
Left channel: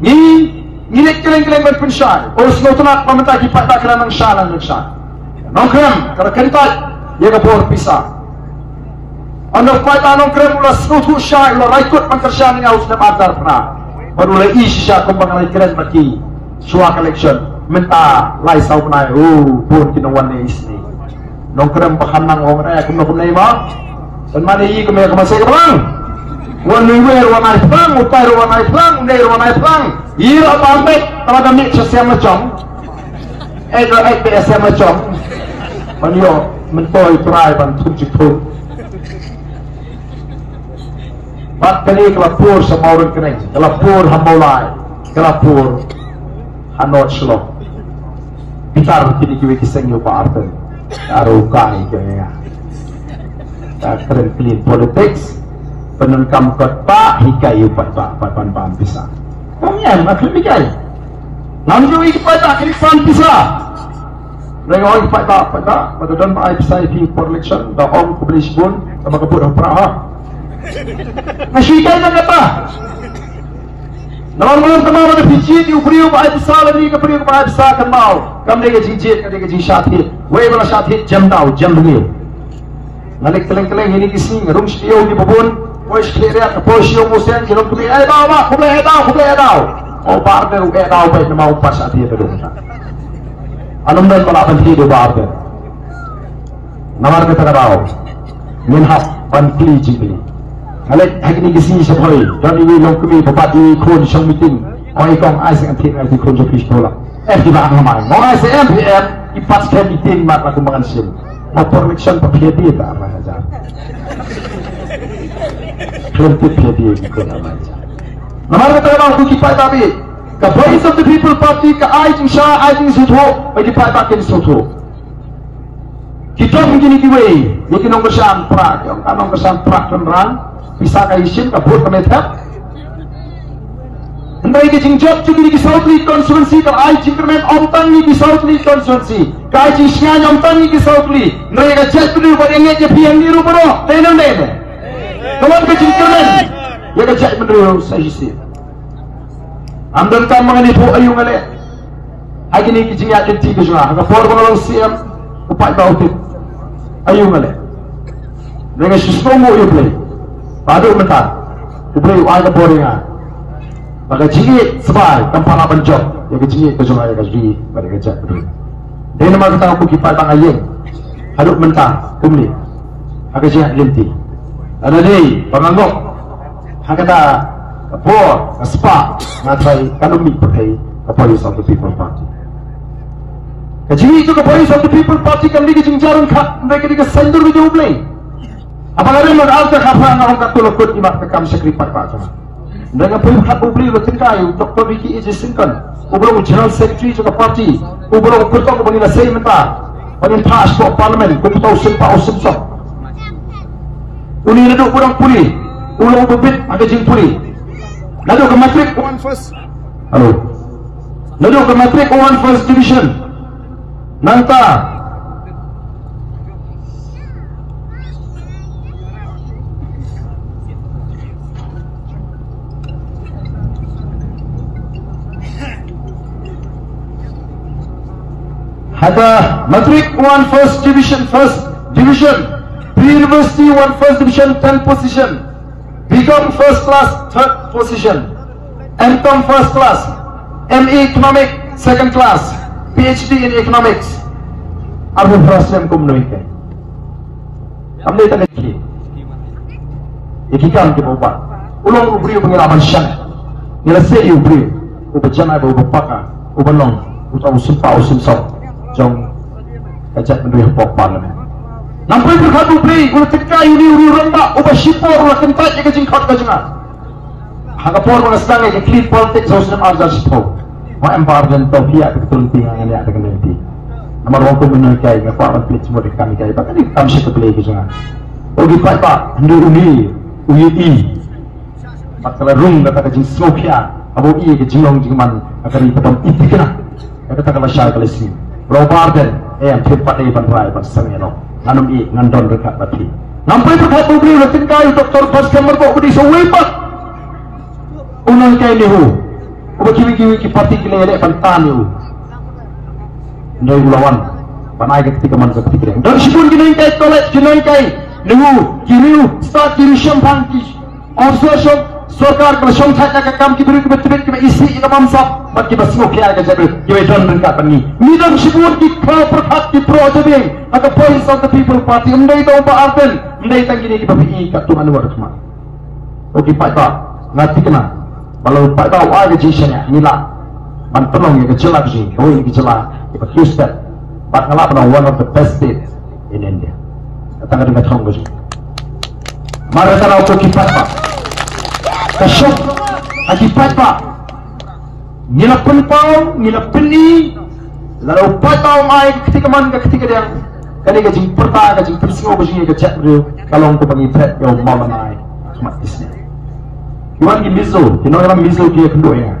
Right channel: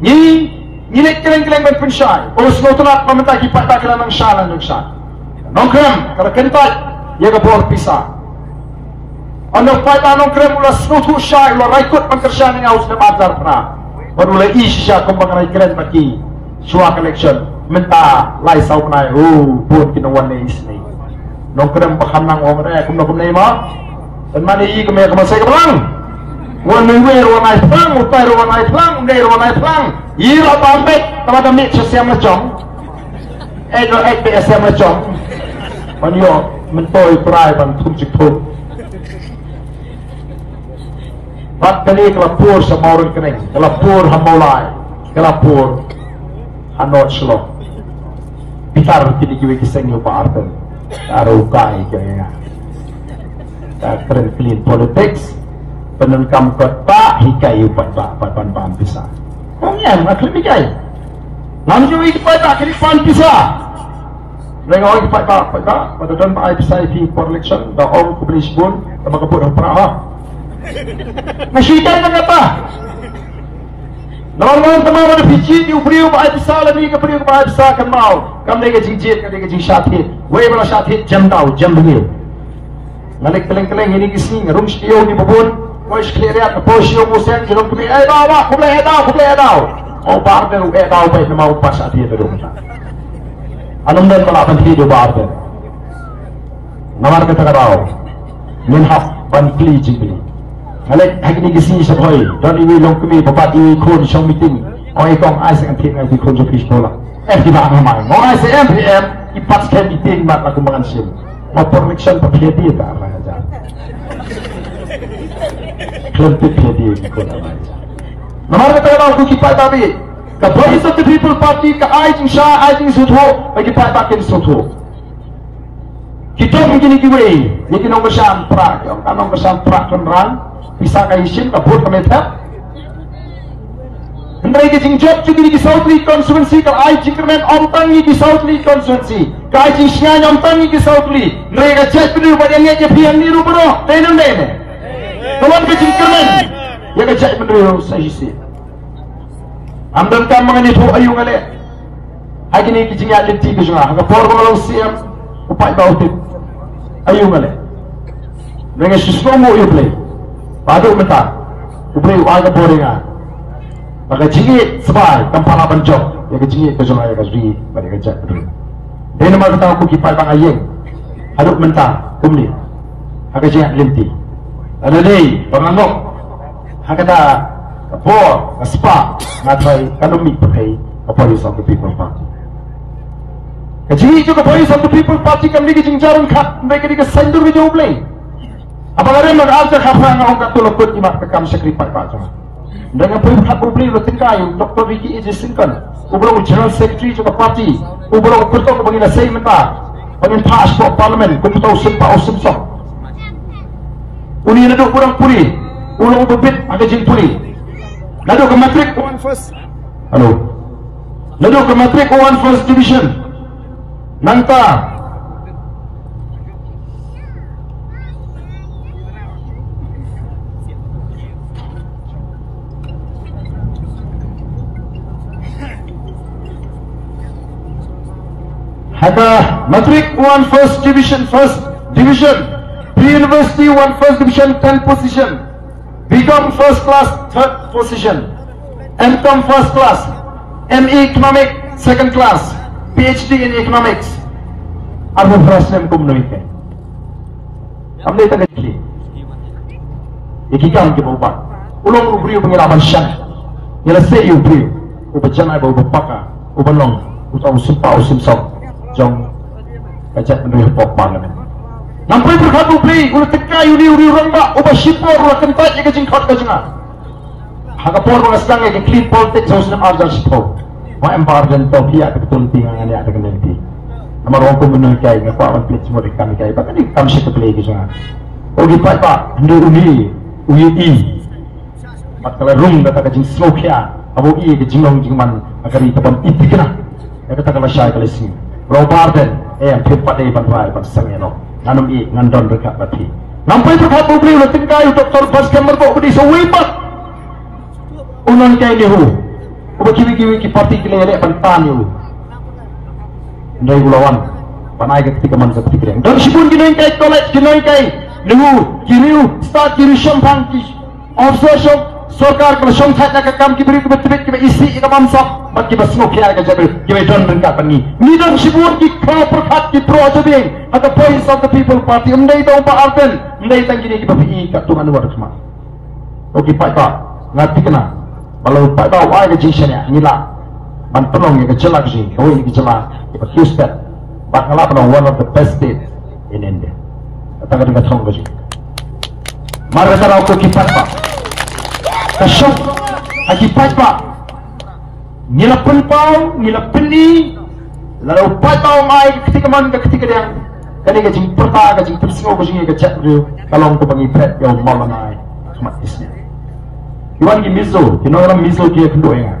ni nek keleng-keleng berpensyai urus ngotunat pemerintah kipat tak kena nang syana nang syana nongkrem kalau kentat ia ke bor pisah anak pai nongkrem ulas ngotu syai ulas raikut pangkersyana yang harus adar pernah baru lai isya kembangan keren bagi suah collection minta lai saut nai pun kena warna isni nongkrem pahanang orang raya kumna ima dan mana i kemaya kemasai kerang wan miwer wan ai plang upai wan ai plang ner wan ai plang ira bambek kalau dah mik sesiam macam do ek sesiam macam anyo mentoi try ban tunjuk bat kali kelapur sama orang kering kelapur hamolai kelapur hanot shlo bitar kini kiwe kiseng yo pa arten aro kai kaya tak keren clean politics penengkam kota hikayu pada pan pisah. Kongnya maklum hikai. Namjo iki pada kiri pan pisah. Mereka pada pada dalam pisah ini for election dah orang kubris pun sama kabur apa? Masih hikai kan apa? Normal teman ada biji di uprio pada pisah lagi ke uprio pada pisah kan mau. Kami lagi jinjit, kami lagi jinsyati. Wei mana syati jam tahu jam dengil. Nalik keleng-keleng ini kisni ngerum studio di babon. Pois clear posio musen kilo kuri ai bawa kumle edau o barbe u edau pe mau pas ati pe dum anum dan pala pan ti do barbe namar pe takarao min haf pan kli jibi ale hagni gisi saboi doni wi long kumi bapat wi khon shong meeting oi kong ai sang thi ai ti khon jo fish bola di ba ngamai ngai se MPM ipat ke meeting mat aku mangan sim mau election pa phedi ta aja Kelentip dia namanya kata aku kipai tapi ke voice of the people party ke ai jing sha ai jing sutho bagi kipai takin sutho kita begini kiwe ni kinong kesan prak yang kanong kesan prak ran bisa kai sim ke bot pemerintah hendai ke jing job juga di South League constituency ke ai jing kermen omtang di South League constituency ke ai jing sia omtang di South League hendai ke chat dulu pada ni je piang ni rupa no tenang deh kawan kecil keren ya kecil menurut saya sih amdan kan mengenai bu ayu ngale Agi ni kijing ya liti ke juga. Haka por ko malang siam upai bau tip. Ayu male. Dengan susmo mo yu play. Padu mentar. Uplay aga boringa. Maka jingi sebai tanpa apa job. Ya ke jingi ke juga ya ke suri pada kerja betul. Dia nama kata aku kipai bang ayeng. Haduk mentar kumli. Haka jingi liti. Ada ni pemangok. Haka ta por spa ngatai kalumi pakai Police of the People Party. Kecil juga Police of the People Party kami di jingjaran kat mereka di kesendur di jauh play. Apa ada yang ada kapan nak kat tulah kot imak ke kami sekripat macam. Dengan pun hak publik lo tingkai Dr. Ricky E. Singkan, ubah General Secretary juga parti, ubah kerja ko bagi nasai mentah, bagi pass for Parliament, ko tahu sempa o semsa. Uni naduk kurang puri, ulang berbit agak jing puri. Naduk ke matrik one first. Halo. Lalu ke matrik one first division Nangka ada matrik one first division pre-university one first division 10 position, BCom first class 3rd position, MCom first class, ME Economic second class, PhD in Economics. Abu Praslem kumnoike. Amne tane ki. Ikikam ke bupa. Ulong ubri pengiraman syang. Ila sei ubri. Ubajana ba ubapaka. Ubalong. Utaw sumpa usimsaw. Jong kajat menurut pop parlimen. Nampai berkat ubri. Ula tekai uri rangba. Ubashipor ula kentat ika jingkot kajanga. Hagapor mga sedang yang clean politics harus ada sipo. Mak embargan to pihak betul tinggal ni ada kena nanti. Amar orang ko menurut kai ngaku aman plate semua kami kai. Bahkan ni kami siapa play kisah. Oh kita tak hendak uni. Masalah room kata kajing smoke ya. Abu i kajing jingman akari petam itikna. Kata kalau syai kalau sini. Robarden yang tempat ini bandrai pasangnya no. Anum i ngandon dekat bati. Nampai berkat ubri lo tingkai Dr. Bas Kamar kok budi sewepat. Ulang kay lehu, uba kiwi ki parti kile yale pantan yu. Ndai ulawan, panai ke ketika man ke ketika yang. Dan sibun kinain kay toilet kinain kay lehu, kiriu start kiri syambang ki. Also sorkar kena syongchatnya ke kam kiberi ke betul ke isi ina mamsap, mat ki basmo kiai ke jabil, kiwe don rengkat pani. Ni dan sibun ki kau perkat ki pro jebing, aga Police of the People Party. Ndai do ba arten, ndai tangini ki bapi kat tuan luar semua. Oke pak tak, ngati kena. Kalau pada awal kejisannya nila, mantelong yang kecil lagi, oh ini kecil lah, kita Houston, Bangla pada one of the best states in India. Datang dengan tahun keji. Mari kita lakukan kipat pak, kasut, kipat pak, nila penpau, nila peni, lalu patau mai ketika mana ketika dia, kini keji pertah keji persemua keji kecil tu, kalau aku panggil pet yang malam mai, cuma isnya. Kiwan ki miso, kinoram miso ki kendo enga.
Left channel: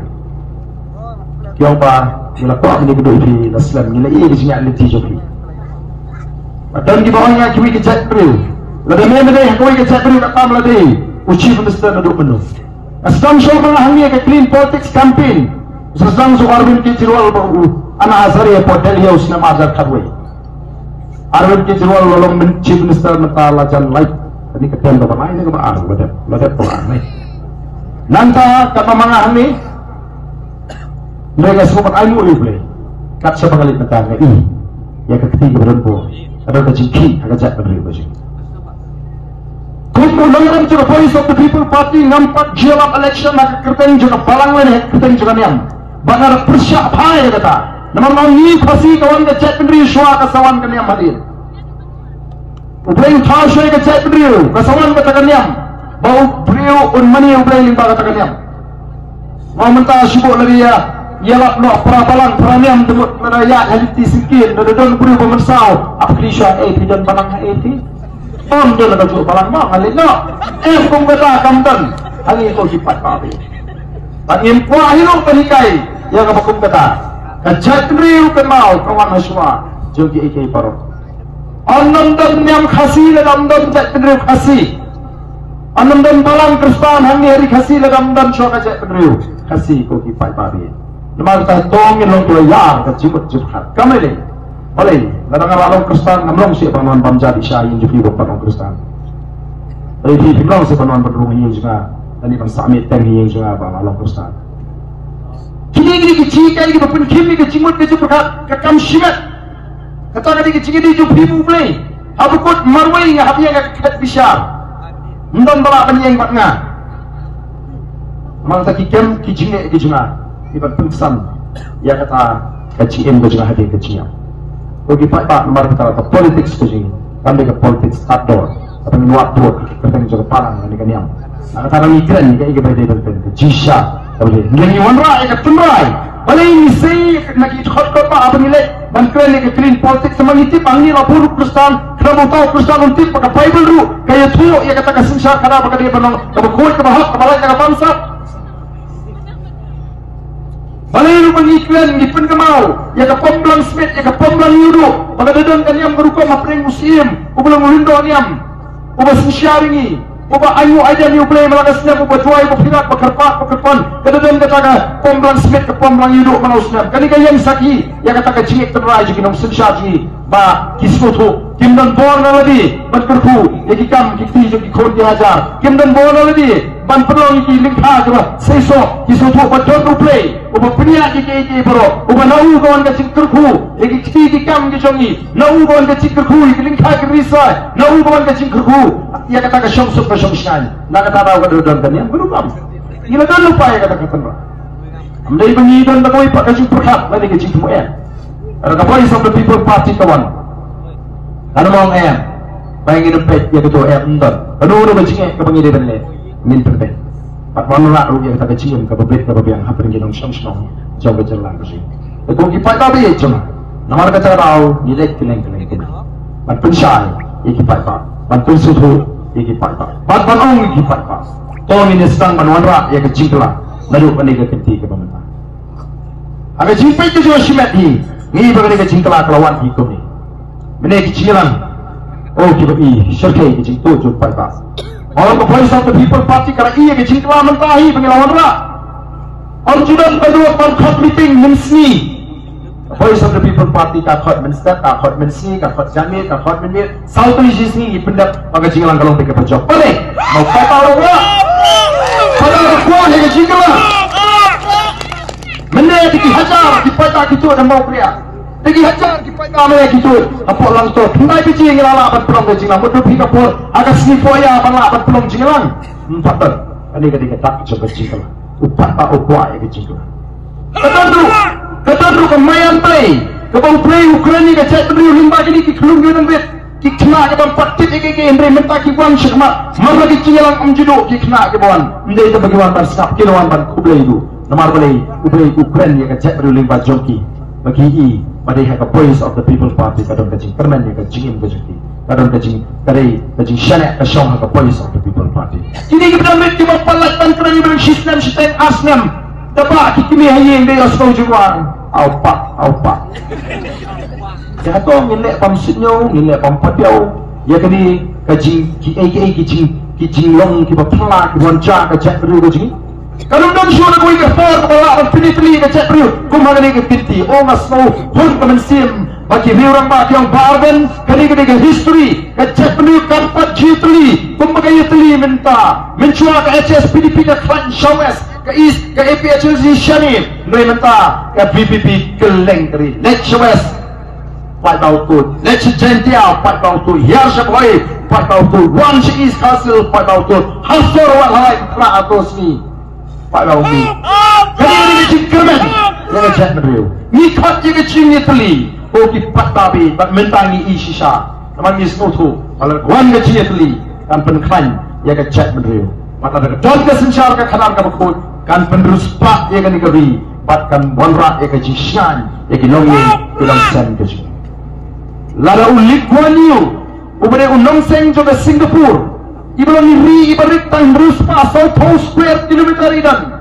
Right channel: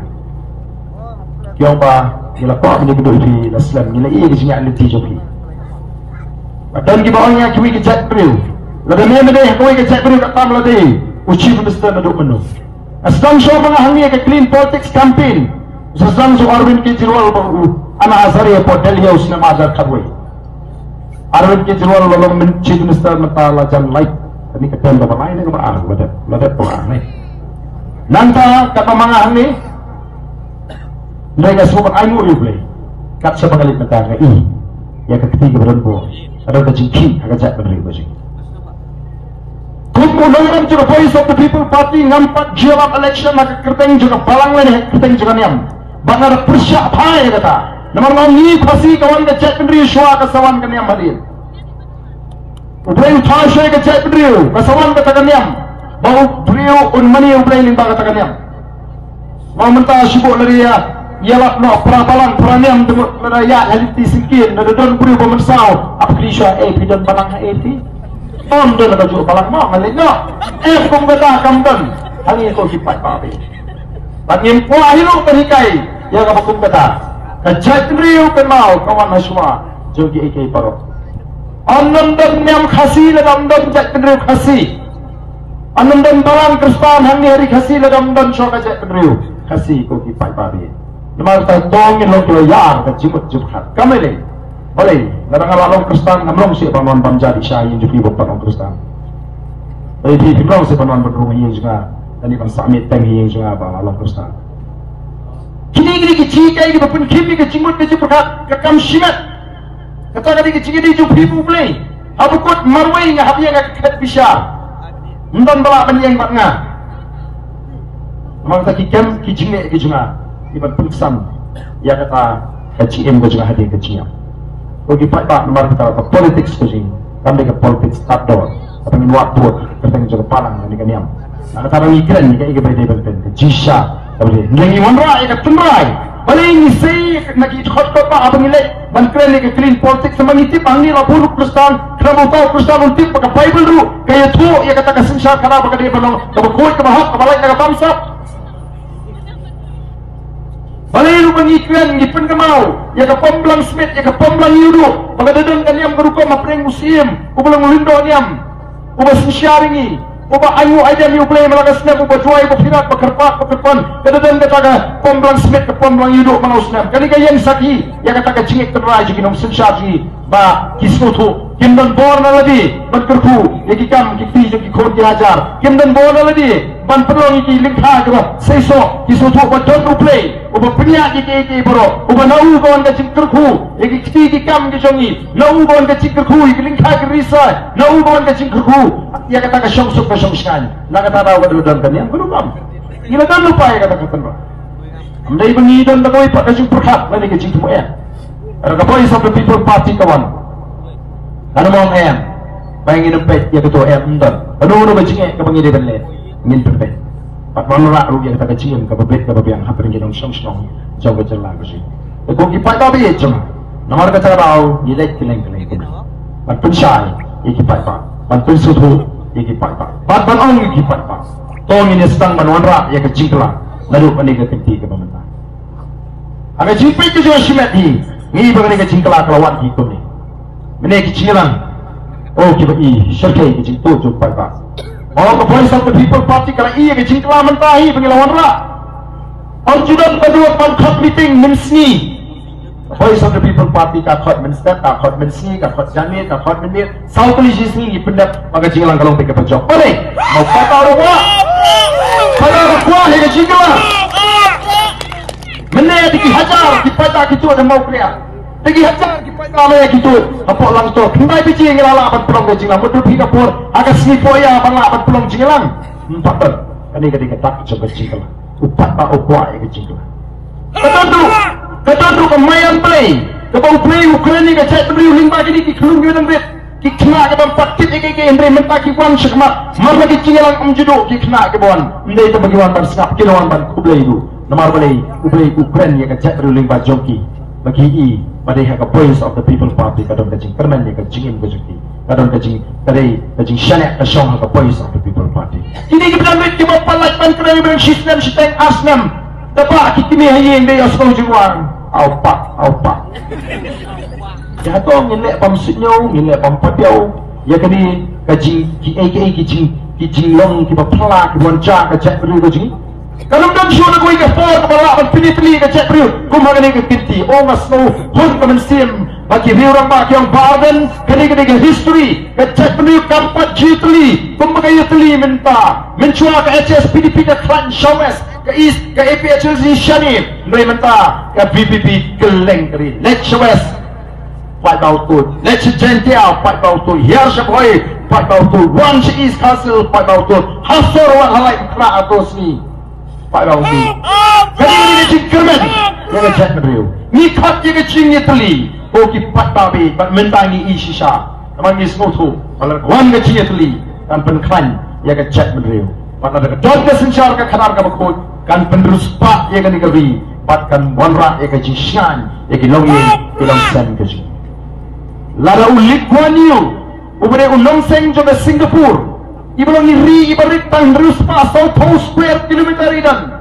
Kiwan pa nila po ni kendo di Islam nila i di sinya aliti joki. Padam ki bawangnya kiwi ki chat bro. Lada me deh koi ki chat bro ka tam lade. Uchi minister na do menu. Astam show mga hangi ka clean politics campaign. Sasam so Arvind Kejriwal ba ana azari po Delhi usna mazar khabwe. Arvind Kejriwal walong chief minister na pala jan like ani ka tem ba mai ne ba lada po ani. Nanta kata mangahan ni mereka semua ayu replay kat siapa kali mentang ini yang ketiga berempu ada kecingki agak jat beri baju kumpul dalam juga Voice of the People Party nampak jawab election nak kerteng juga balang lain kerteng juga niam banar persyak pai kata nama ni pasti kawan ke jat beri syua kasawan ke niam hadir ublay uthar syua ke jat beri kasawan ke tak niam bau beliau unmani ublay limba kata niam mau mentah syukur lagi ya ialah no peraturan peraniam dengan rakyat haditi sikit dan beliau pemersau aplikasi pidan barang ti on dia nak jual barang mak kali no pun kata kamdan hari itu kipat papi bagi kuah hilang perikai yang apa pun kata kejat beliau kenal kawan semua jogi ikai paro on dan niam khasi dalam dan jat beliau khasi Anam dan balang kristan hari khasi dalam dan syok kejat beliau khasi ko kipat papi Nama kita tongin long dua yar ke jimut jubhat. Kami le, boleh. Kadang-kadang orang Kristen ngamlong si panuan panjat isyain juga buat orang Kristen. Tapi di bilang si panuan berdua yang juga, dan di pansamit teng yang juga bang orang Kristen. Kini kecil kaya kita pun kini kecimut kejubhat kekam shimet. Kata kali kecil di jupi mulai. Habukut marwai nga habi nga kat bisa. Ndon bala penyeng bat nga. Maka kikem kijinge kijunga. Iban pengsan. Ya kata keciem kijunga hadi keciem. Kogi pak mar kata politics kijing. Kami ke politics outdoor. Apa ni buat buat kerteng juga parang ni kaniam. Kata orang ikran ni kaya berde ben jisha. Boleh. Lagi wanra ikat tunrai. Balai ni say nak ikut kau apa apa nilai bangkren ni clean politics sama ngitip angni lapor Kristen kerana tahu Kristen ngitip pakai Bible dulu kaya tu ia kata kesensyar kerana pakai dia penong kalau kuat kalau hak balai jaga bangsa balai lu mengiklan ngipun kemau ia ke pemblang smith ia ke pemblang yudo pakai dedon kan yang berupa mapreng musim ubulang lindo niam ubah sensyar ini ubah ayu aja ni ublay malakas na ubah juai ubah pinat pakerpak pakerpon kadang kata ka pemblang smith ke pemblang yudo maus na kani kayang saki ya kata ka jingik terai jadi nom sensyar ji ba kismutu kimdan bor na ladi ban kerku iki kam kiti jadi khor diajar kimdan bor na ladi ban pelong iki lingkha juga seiso kismutu ba don ublay ubah pinya iki boro ubah nau gon ka jing kerku iki kiti kam ki jongi nau gon ka jing kerku iki lingkha ki risa nau gon ka jing kerku ia kata ke syamsuk ke syamskan nak kata tahu ke duduk kan yang berubah gila kan lupa ya kata ketemu amdai bengi dan bakoi pak kajing perhat lagi kajing temu ya ada kapoi of the people party kawan ada mong em pengen nepet ya ketua em ndon aduh kajing ke bengi de benle ngin pepet pak manura ru ya kata kajing ke bebet ke bebiang haperin gedong syamsong jaga jelang kajing ko ki pak tabi jeng nomor kata tahu yilek keleng pat pensyai iki pak bantu suhu iki pak ong iki pak tolong ini sedang manwanra ya kejingkla lalu penega kenti ke pemerintah aga jingpai ke jo shimet hi ngi bagani ke jingkla kelawan hi ko ni mene kejinglan oh kita i syarkai ke jing to jo pak orang voice of the people party kala i ke jingkla mentahi pengilawan ra on judan kedua on meeting memsni Voice of the People Party kakot menstat, kakot mensi, kakot jamit, kakot menmir. South Asia sini ipendap maka jinglang kalau pergi pojok. Boleh? Mau kata orang kuah? Kalau kuah hingga jinglang. Mana dihajar, dipatah gitu ada mau kriak. Dihajar, dipatah mana gitu. Apa orang tu? Kenai biji yang lalapan pelong jinglang. Betul pihak pun agak sini poya lalapan pelong jinglang. Patut. Ini ketika tak coba jinglang. Upat tak kuah hingga jinglang. Betul tu. Kata tu kemayan play, kau play Ukraina ke chat beri limba jadi kiklung yo nang bet, kikna ke ban patit ke Andre mentah kiwan syakma, mar lagi cilang judo kikna ke bon, ndai tu bagi wan tar skap kiloan ban kublai tu, namar play Ukraina ke chat beri limba joki, bagi i, pada hak voice of the people party kadang kajing kerman ni kajing ke joki, kadang kajing kajing shanek ke syong hak voice of the people party. Kini kita met kita palat ban kerana beri sistem sistem asnam, dapat kita ni hayeng dia asal juang. Aupa. Jatuh ngelak pamsitnya, ngelak pampadiau. Ya kini kajing kicing long kita pala kita wanca kacak beriu kajing. Kalau nak siapa kau ikut for kepala pilih kacak beriu, kau makan ikut pinti. Oh ngasno, pun kemensim. Bagi orang bagi yang bargain, kini history kacak beriu kampat jitli. Kau makan jitli minta, mencua ke HS PDP ke Klan Shawes. Ke East, ke APHLZ Shanif, mereka ke BPP Keleng keri, Lech Shawes, Pak Bautu, Lech Gential, Pak Bautu, Yarshakwai, Pak Bautu, Wanch East Castle, Pak Bautu, Hasor Walhai, Kra Atosni, Pak Bautu. Kali ini kerman, yang chat beriu. Nikhat yang cingnya teli, koki Pak Babi, Pak Mentangi Isisha, Amang Ismotu, malah Wan cingnya teli, kan penklan yang chat beriu. Maka ada kedon kesensyar ke kanar ke bakut. Kan penerus pak ya kan dikabri, patkan bonrak ya kaji syan, ya kilongin ilang sen kaji. Lala ulik guaniu, ubere unong seng juga Singapura, ibalang iri ibarik tang terus pasal 2 square kilometer idan,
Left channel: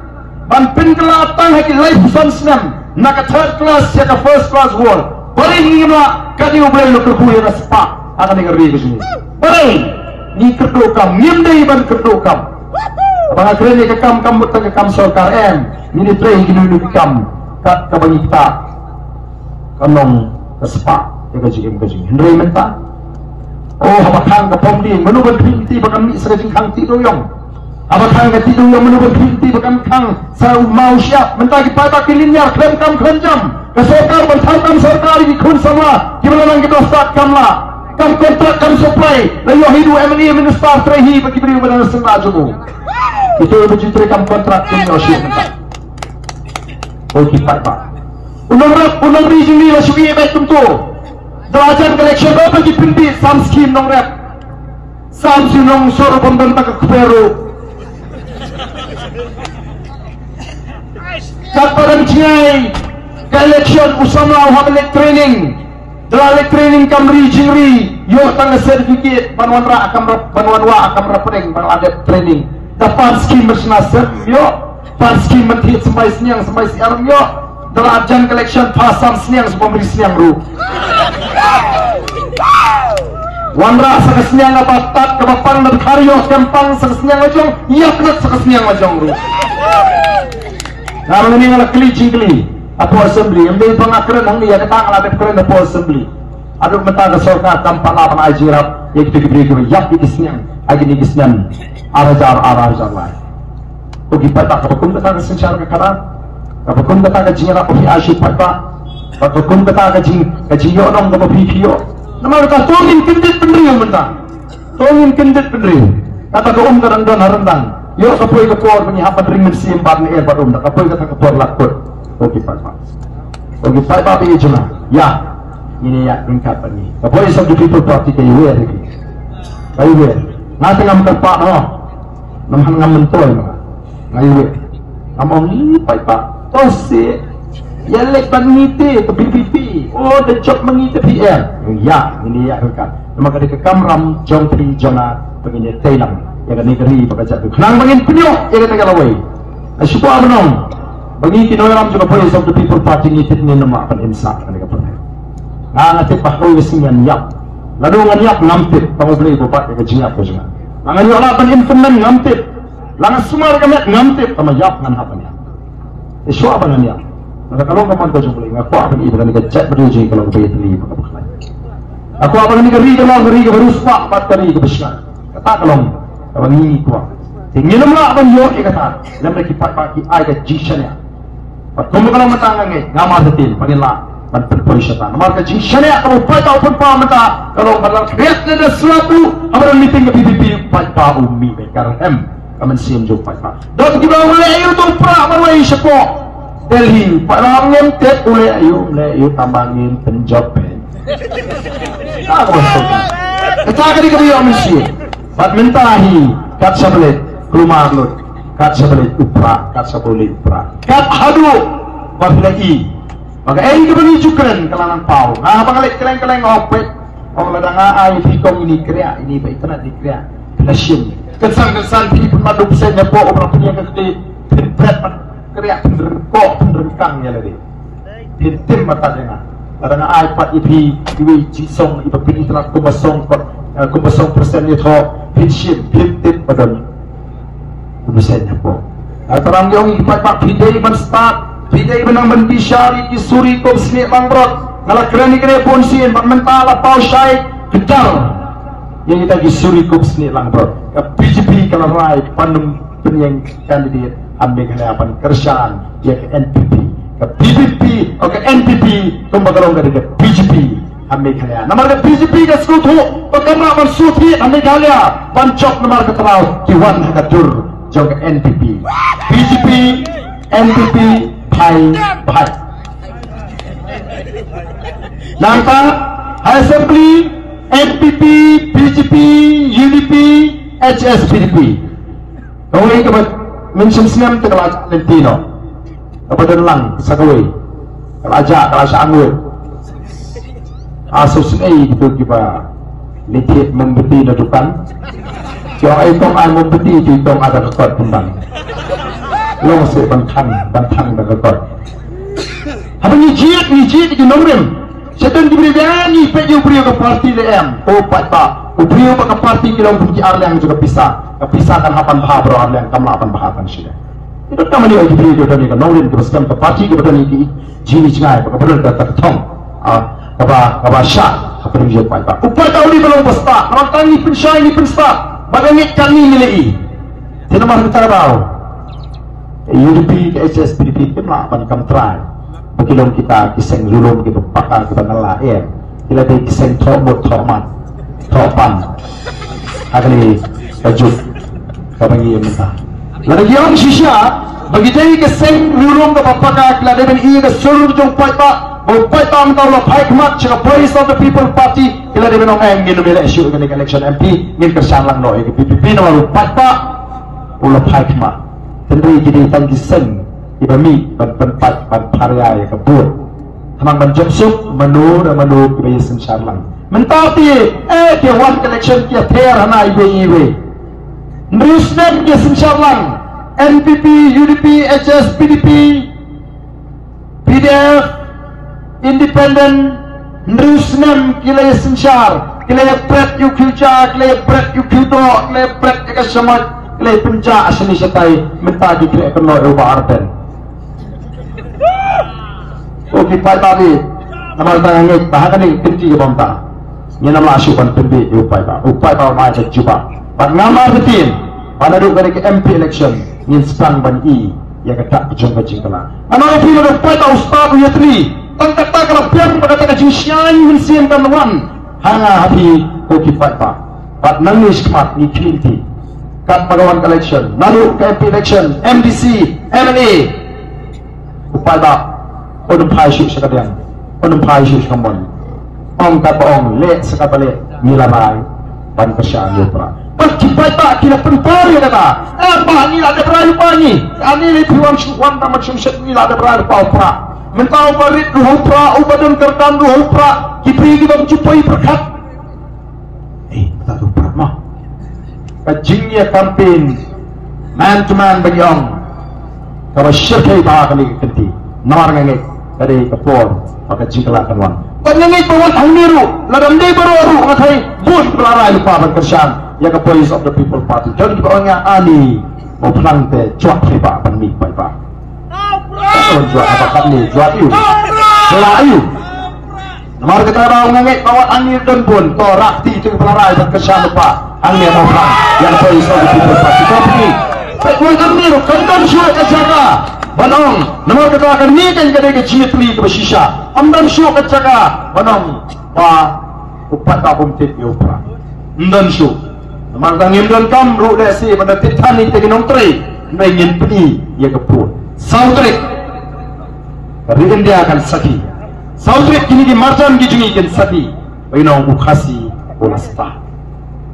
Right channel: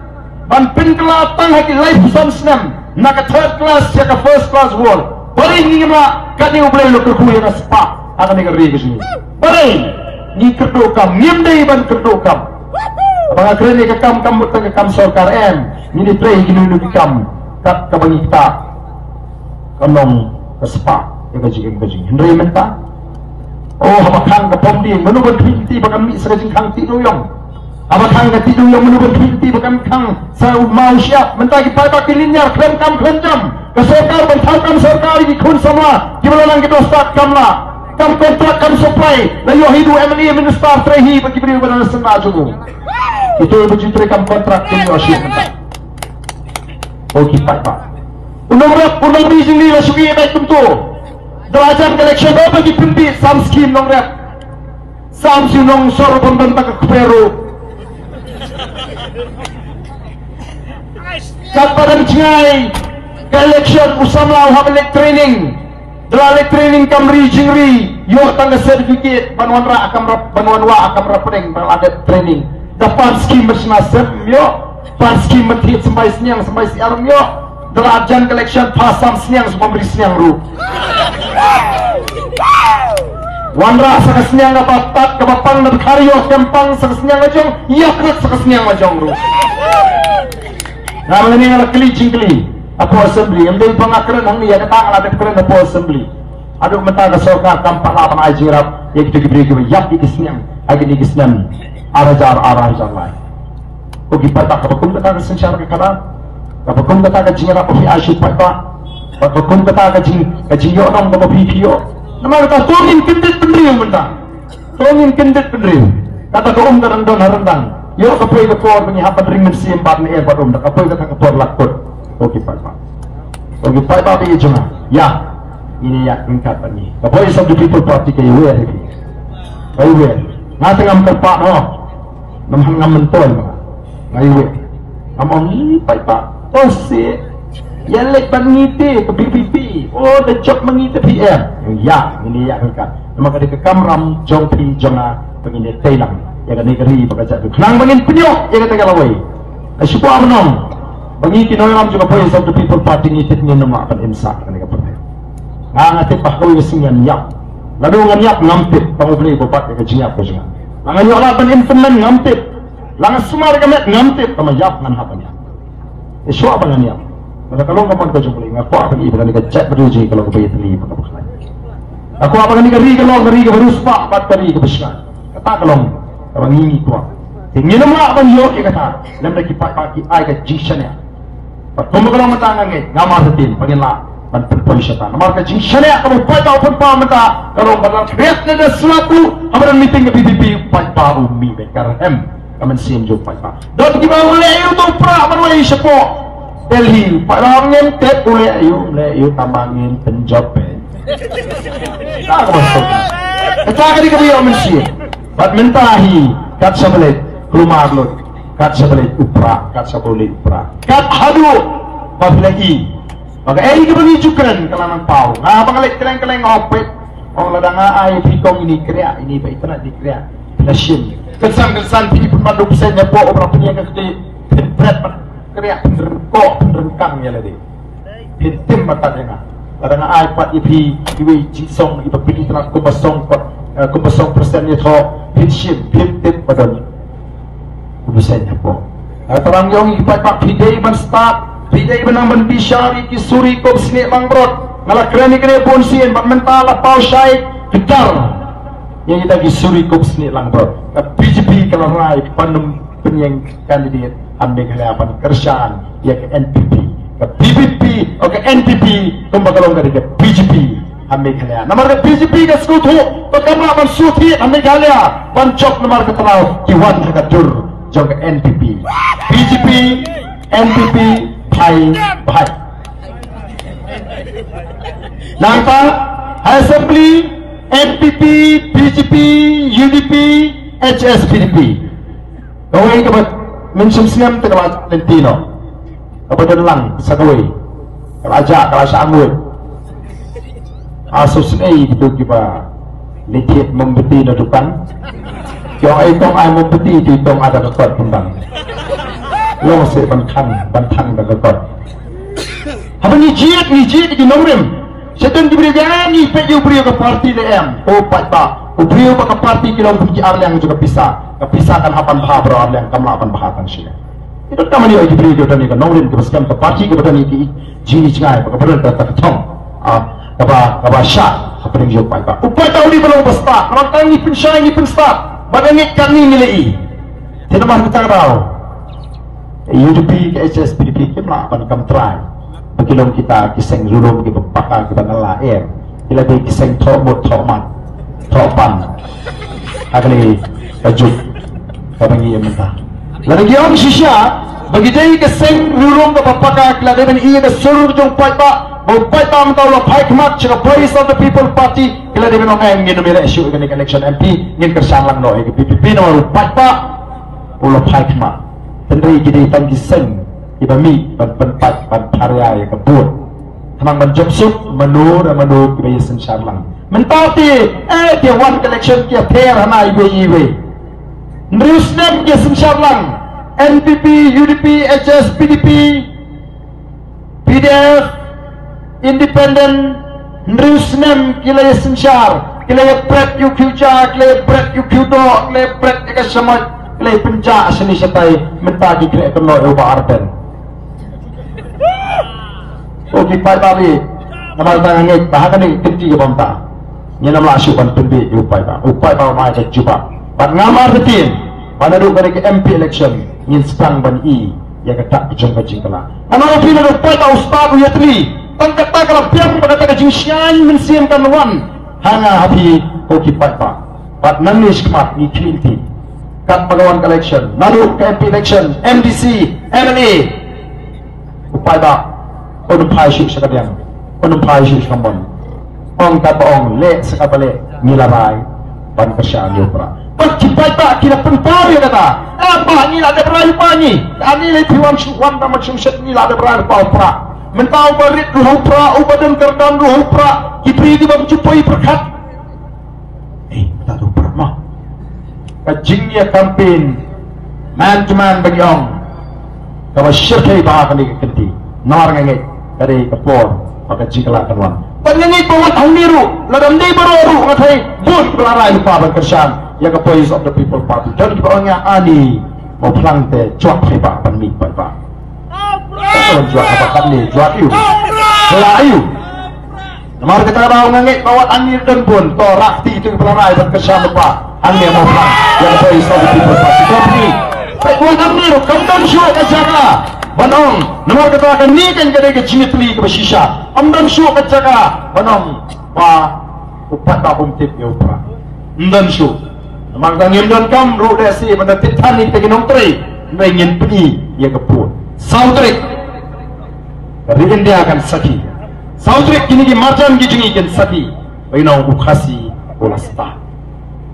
ban penkelatang haki life sonsnem, naka third class ya ka first class world, bari ni ma kadi ubere lo kerbu ya spa, akan dikabri kaji. Bari ni kedokam, ngimdai ban kedokam. Abang keren ni kekam betang kekam sorkar em. Ini play gini kekam kat kabang kita kanong kesepak ya kajing Henry menta oh abakang kapom di menubah pinti bakam mi sekajing kang ti doyong abakang ka ti doyong menubah pinti bakam kang sa mau siap menta ki pai linyar klem kam jam ke sarkar bertangkam sarkar di kun sama gimana nang kita start kamla kam kontrak kam supply layo hidu MNE minister trehi bagi beri pada sengaja juga itu begitu kam kontrak ini osip menta oh kita pak unang rijing ni masih baik tentu delajan collection apa di pinti sam scheme nong rap sam sinong soro bondan tak kepero kapadang cingai collection usama uhamilek training delalik training kam rijing ri yo tangga certificate banwan wa akam rapeng banwan ada training dapat scheme bersenasib yo pas scheme mentit sampai siang yo delajan collection pasam siang semua beri siang ru wanra sakasniang ngabatat kabapang nagkaryo kempang sakasniang majong yaknat sakasniang majong ru naroon ini ngalah keli apo assembly amday pangakran hang niya katang alapit kran apo assembly aduk mata kasoka kampang lapan ajirap yak diberi yak ikisniang agin ikisniang arajar lai ugi patak kabakum kata kesencar kekaran kabakum kata kajingan apo fi asyik patak kabakum kata kajing yo nam kama PPO nama kata tongin kendit pendriyo mentang tongin kendit pendriyo kata kaum kadang don harendang yo kapoy kapor penyihapan ringan siempat ni erbat kapoy kata kapor lakut oke pak bi jema ya ini ya tingkat ni kapoy sa di people party kayu we ngate ngam pak no ngam mentol ngayu among ni pak osi yalek mengiti ke BPP oh the job mengiti PR ya ini ya kan maka di kamram jongpi jama pengini telang ya kan negeri bekerja tu nang pengin penyok ya kata kalawai asyik apa nong bagi kinoram juga boleh satu people party ni tit ni nama akan imsak kan dekat partai ngati pakoy singan yak lalu nganyak ngampit pangubli bopat ke jinyak ko jinga manganyo laban infemen ngampit lang sumar kamet ngampit pamayak ngan hapanya isu apa nganyak kalau kapan kau jumpa lagi, aku akan ibu kali kecek beruji kalau bayar teli apa apa lagi. Aku akan ngeri kalau baru sepak 4 kali kebesar. Kata kalau ini kuat. Tinggi nama akan yo kata. Lembra kipat pagi ay ke jisannya. Kamu kalau matang ngai, nama setin panggil lah. Bantu polisian. Nama ke jisannya kalau patau pun paham mata. Kalau badan kreat ada sesuatu, amaran meeting ke PPP patau umi bekar hem. Kamen siam jo patau. Dan kita boleh ayo tu pra boleh sepok. Delhi, parang ngintip uli ayo tambangin penjopen. Ito akan kami yung mesin. Badmintahi, kat sabalit, kumaglot, kat sabalit upra, kat sabalit upra, kat hadu, pabilai. Maka ay kami jukan kalanang pau. Bangalik keleng opet. Ang ladang ay pikong ini kreat, ini baik kena dikreat. Pelasim. Kesan pinipumadu sa niya po opera punya kati pinbret kreat penderengkang ya lagi. Pintim matanya. Ladang iPad ipi jisong ipa pilih telah kumasong persen itu pinsim pintim padam. Kumasanya po. Terang yung ipa pidai man start. Pidai menang bishari kisuri ko sini mangrot. Ngalah kerani kene ponsian mentala pau syai gedar. Yang kita kisuri ko sini mangrot. Ka BJP kalau mai panum penyeng kandidat ambil kelapan kerjaan ya ke NPP ke BBP atau ke NPP kumbakalong dari ke BJP ambil kelapan nama ke BJP ke sekutu perkara mensuti ambil kelapan pancok nama ke terau kiwan hakadur jauh ke NPP BJP NPP Bhai Nangta Assembly NPP BJP UDP HSPDP kau ini kebat mention senam terlalu lentino apa dalang sagoi kalau sangur asus ini gitu kita lihat membeti dadukan kalau itu membeti itu ada rekod tentang lo masih bantang rekod apa ni jihad di nomor sedang diberi janji peju beri ke parti LM beri ke parti kilau puji yang juga pisahkan hapan bahar yang kamu akan bahakan sih Itu kami ni beri kita ni kan nongin kita sekarang ke parti kita ni ki jini cengai kepada kita thong kaba syah apa yang jauh pai. Upai tahu ni belum besar. Orang tahu ni pun syah ni pun start. Bagaimana kami ni ni? Tidak mahu kita tahu. UDP ke HS PDP kita nak akan try. Bagaimana kita kiseng Europe kita pakar kita ngalah kita di kiseng thomot thoman thopan. Agni kajuk kami ni minta. Lalu yang sisa bagi jadi kiseng Europe kita pakar kita dengan ini ke seluruh jom pai pak. Bukan tahu tahu lah hikmat cakap Voice of the People Party kita di mana yang ingin memilih isu dengan election MP ingin kersalang noi ke PPP nomor 4 tak ulah hikmat tentang jadi tangki sen ibami bentak paraya yang kebur hamang dan jobsuk menur kebiasaan sarlang mentati dia wan election dia ter hana ibe nrisnem dia sarlang NPP UDP HS PDP PDF Independent Nrusnem kila sensyar kila pret yu kilja kila pret yu kildo kila pret yu kasamat kila penja asini setai minta dikira kena ubah arpen oke pai babi namar tangan bahakan ni kerti ke bangta ni nama asyukan tumbi upai ba macam cuba bat ngamar betin pada duk dari ke MP election ni sekarang ban i ya kata kejong-kejong kala ana opino upai ta ustad yatri tangkap kalau biang pada tak kecil syai mensiam kan wan hanga habi koki pak pat nangis kemat ni kilti kat magawan election lalu KP election MDC MLA upada odum pai syuk sekalian odum pai syuk sambon ong kata ong le sekatale milamai pan kerjaan yotra pasti pak kira penpari kata apa ni ada berayu pani ani le piwan wan macam set ni ada berayu pa mentau berit luhupra ubadam kerdan luhupra kipri di bang cupai perkat tak lupa mah kajingnya campaign man to man bagi ong kalau syirkai bahkan ni kenti nawar ngengit dari kepor maka jingkala kanwan panyangit bawat hangniru ladam ni baru ngatai bus belarai lupa berkerjaan ya ke Voice of the People Party jadi orangnya ani mau pelang te cuak hebat pangmi pak jual apa kami jual iu selayu nomor kita bawa ngengit bawat angin dan pun torak ti itu pelarai dan kesan lupa angin apa yang Voice of the People Party tapi buat angin kandang syuk kejaga banong nomor kita akan ni kan kedai kecil teli ke bersisa amdam syuk kejaga banong pa upat tabung tip yopra amdam syuk nomor angin dan kam ru desi mana titani teginong tri ingin peni ya kepur saudrik dari India akan sakit. Saudrik kini di macam gini kan sakit. Bagaimana ukasi olah spa,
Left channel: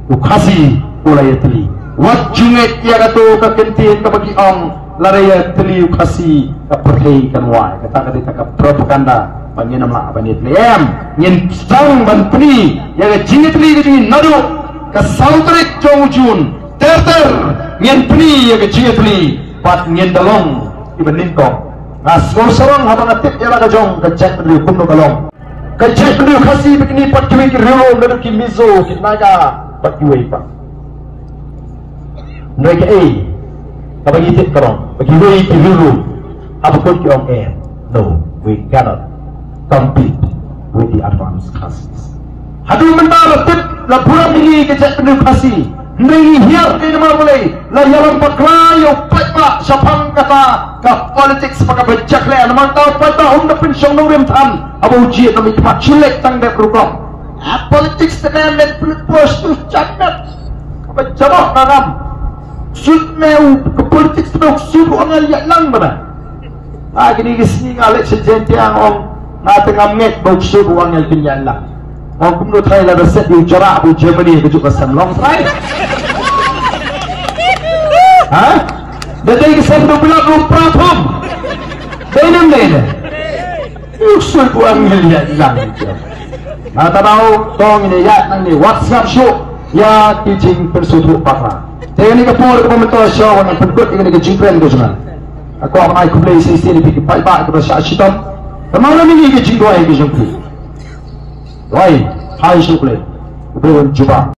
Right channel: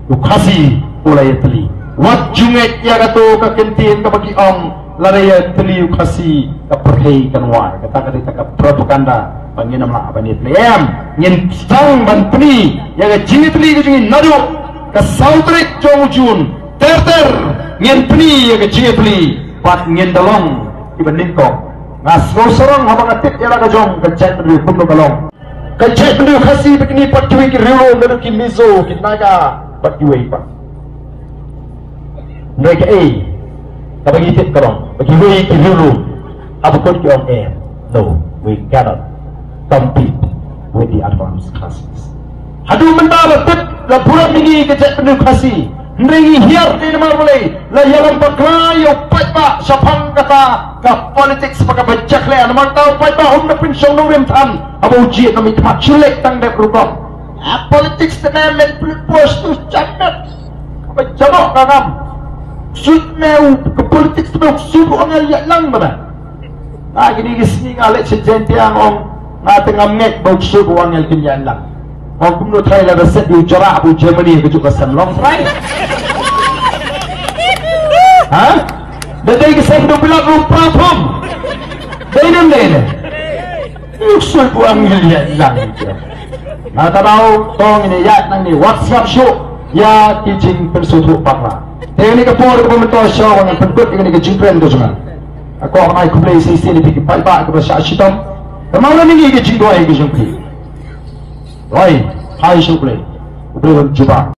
ukasi olah yatli. Wajunget ya kata kekentin kebagi ong lari yatli ukasi keperhai kanwai. Kata kata propaganda bagi nama apa ni yatli. Yang sang dan peni yang jini yatli kejuni nadu ke saudrik jongujun terter yang peni yang jini yatli pat yang dalong ibadin kau. Ngasor serang habang atip ya laga jong kecek dulu kuno kalong kecek dulu kasih begini patuhi ki relo meru ki mizo ki naga patuhi pa ngeke bagi tip kalong bagi we ki relo apa kot ki on air no we cannot compete with the advanced classes hadu mentara tip la buat ini kecek dulu kasih Nri hiar di nama boleh la yalam paklayo patma sapang kata ka politik sebagai bejak le nama tahu patma na pensiong nurim tan abu uji nami kemat cilik tang dek berubah politik sedang let pos tu candat apa jawab ngam sud meu ke politik sedang subuh ngal yak lang mana lagi ni gesni ngalek sejenti ang on na tengam ngek bau subuh ngal kinyan lang mau kumno thai la reset di jarak bu Germany ke juga sanlong sai ha dadai ke sen do bila lupa pom denem dene usul buang ngeliat lang mata mau tong ini ya nang ni WhatsApp show ya kijing persuduk pakra teni ke por ko mento show nang pendut ini ke jingkren do jangan aku amai ku play sini pergi pai ba ke sa shitam kemana ni ke jinggo ai ke jingkren Why? How should we? Belum coba.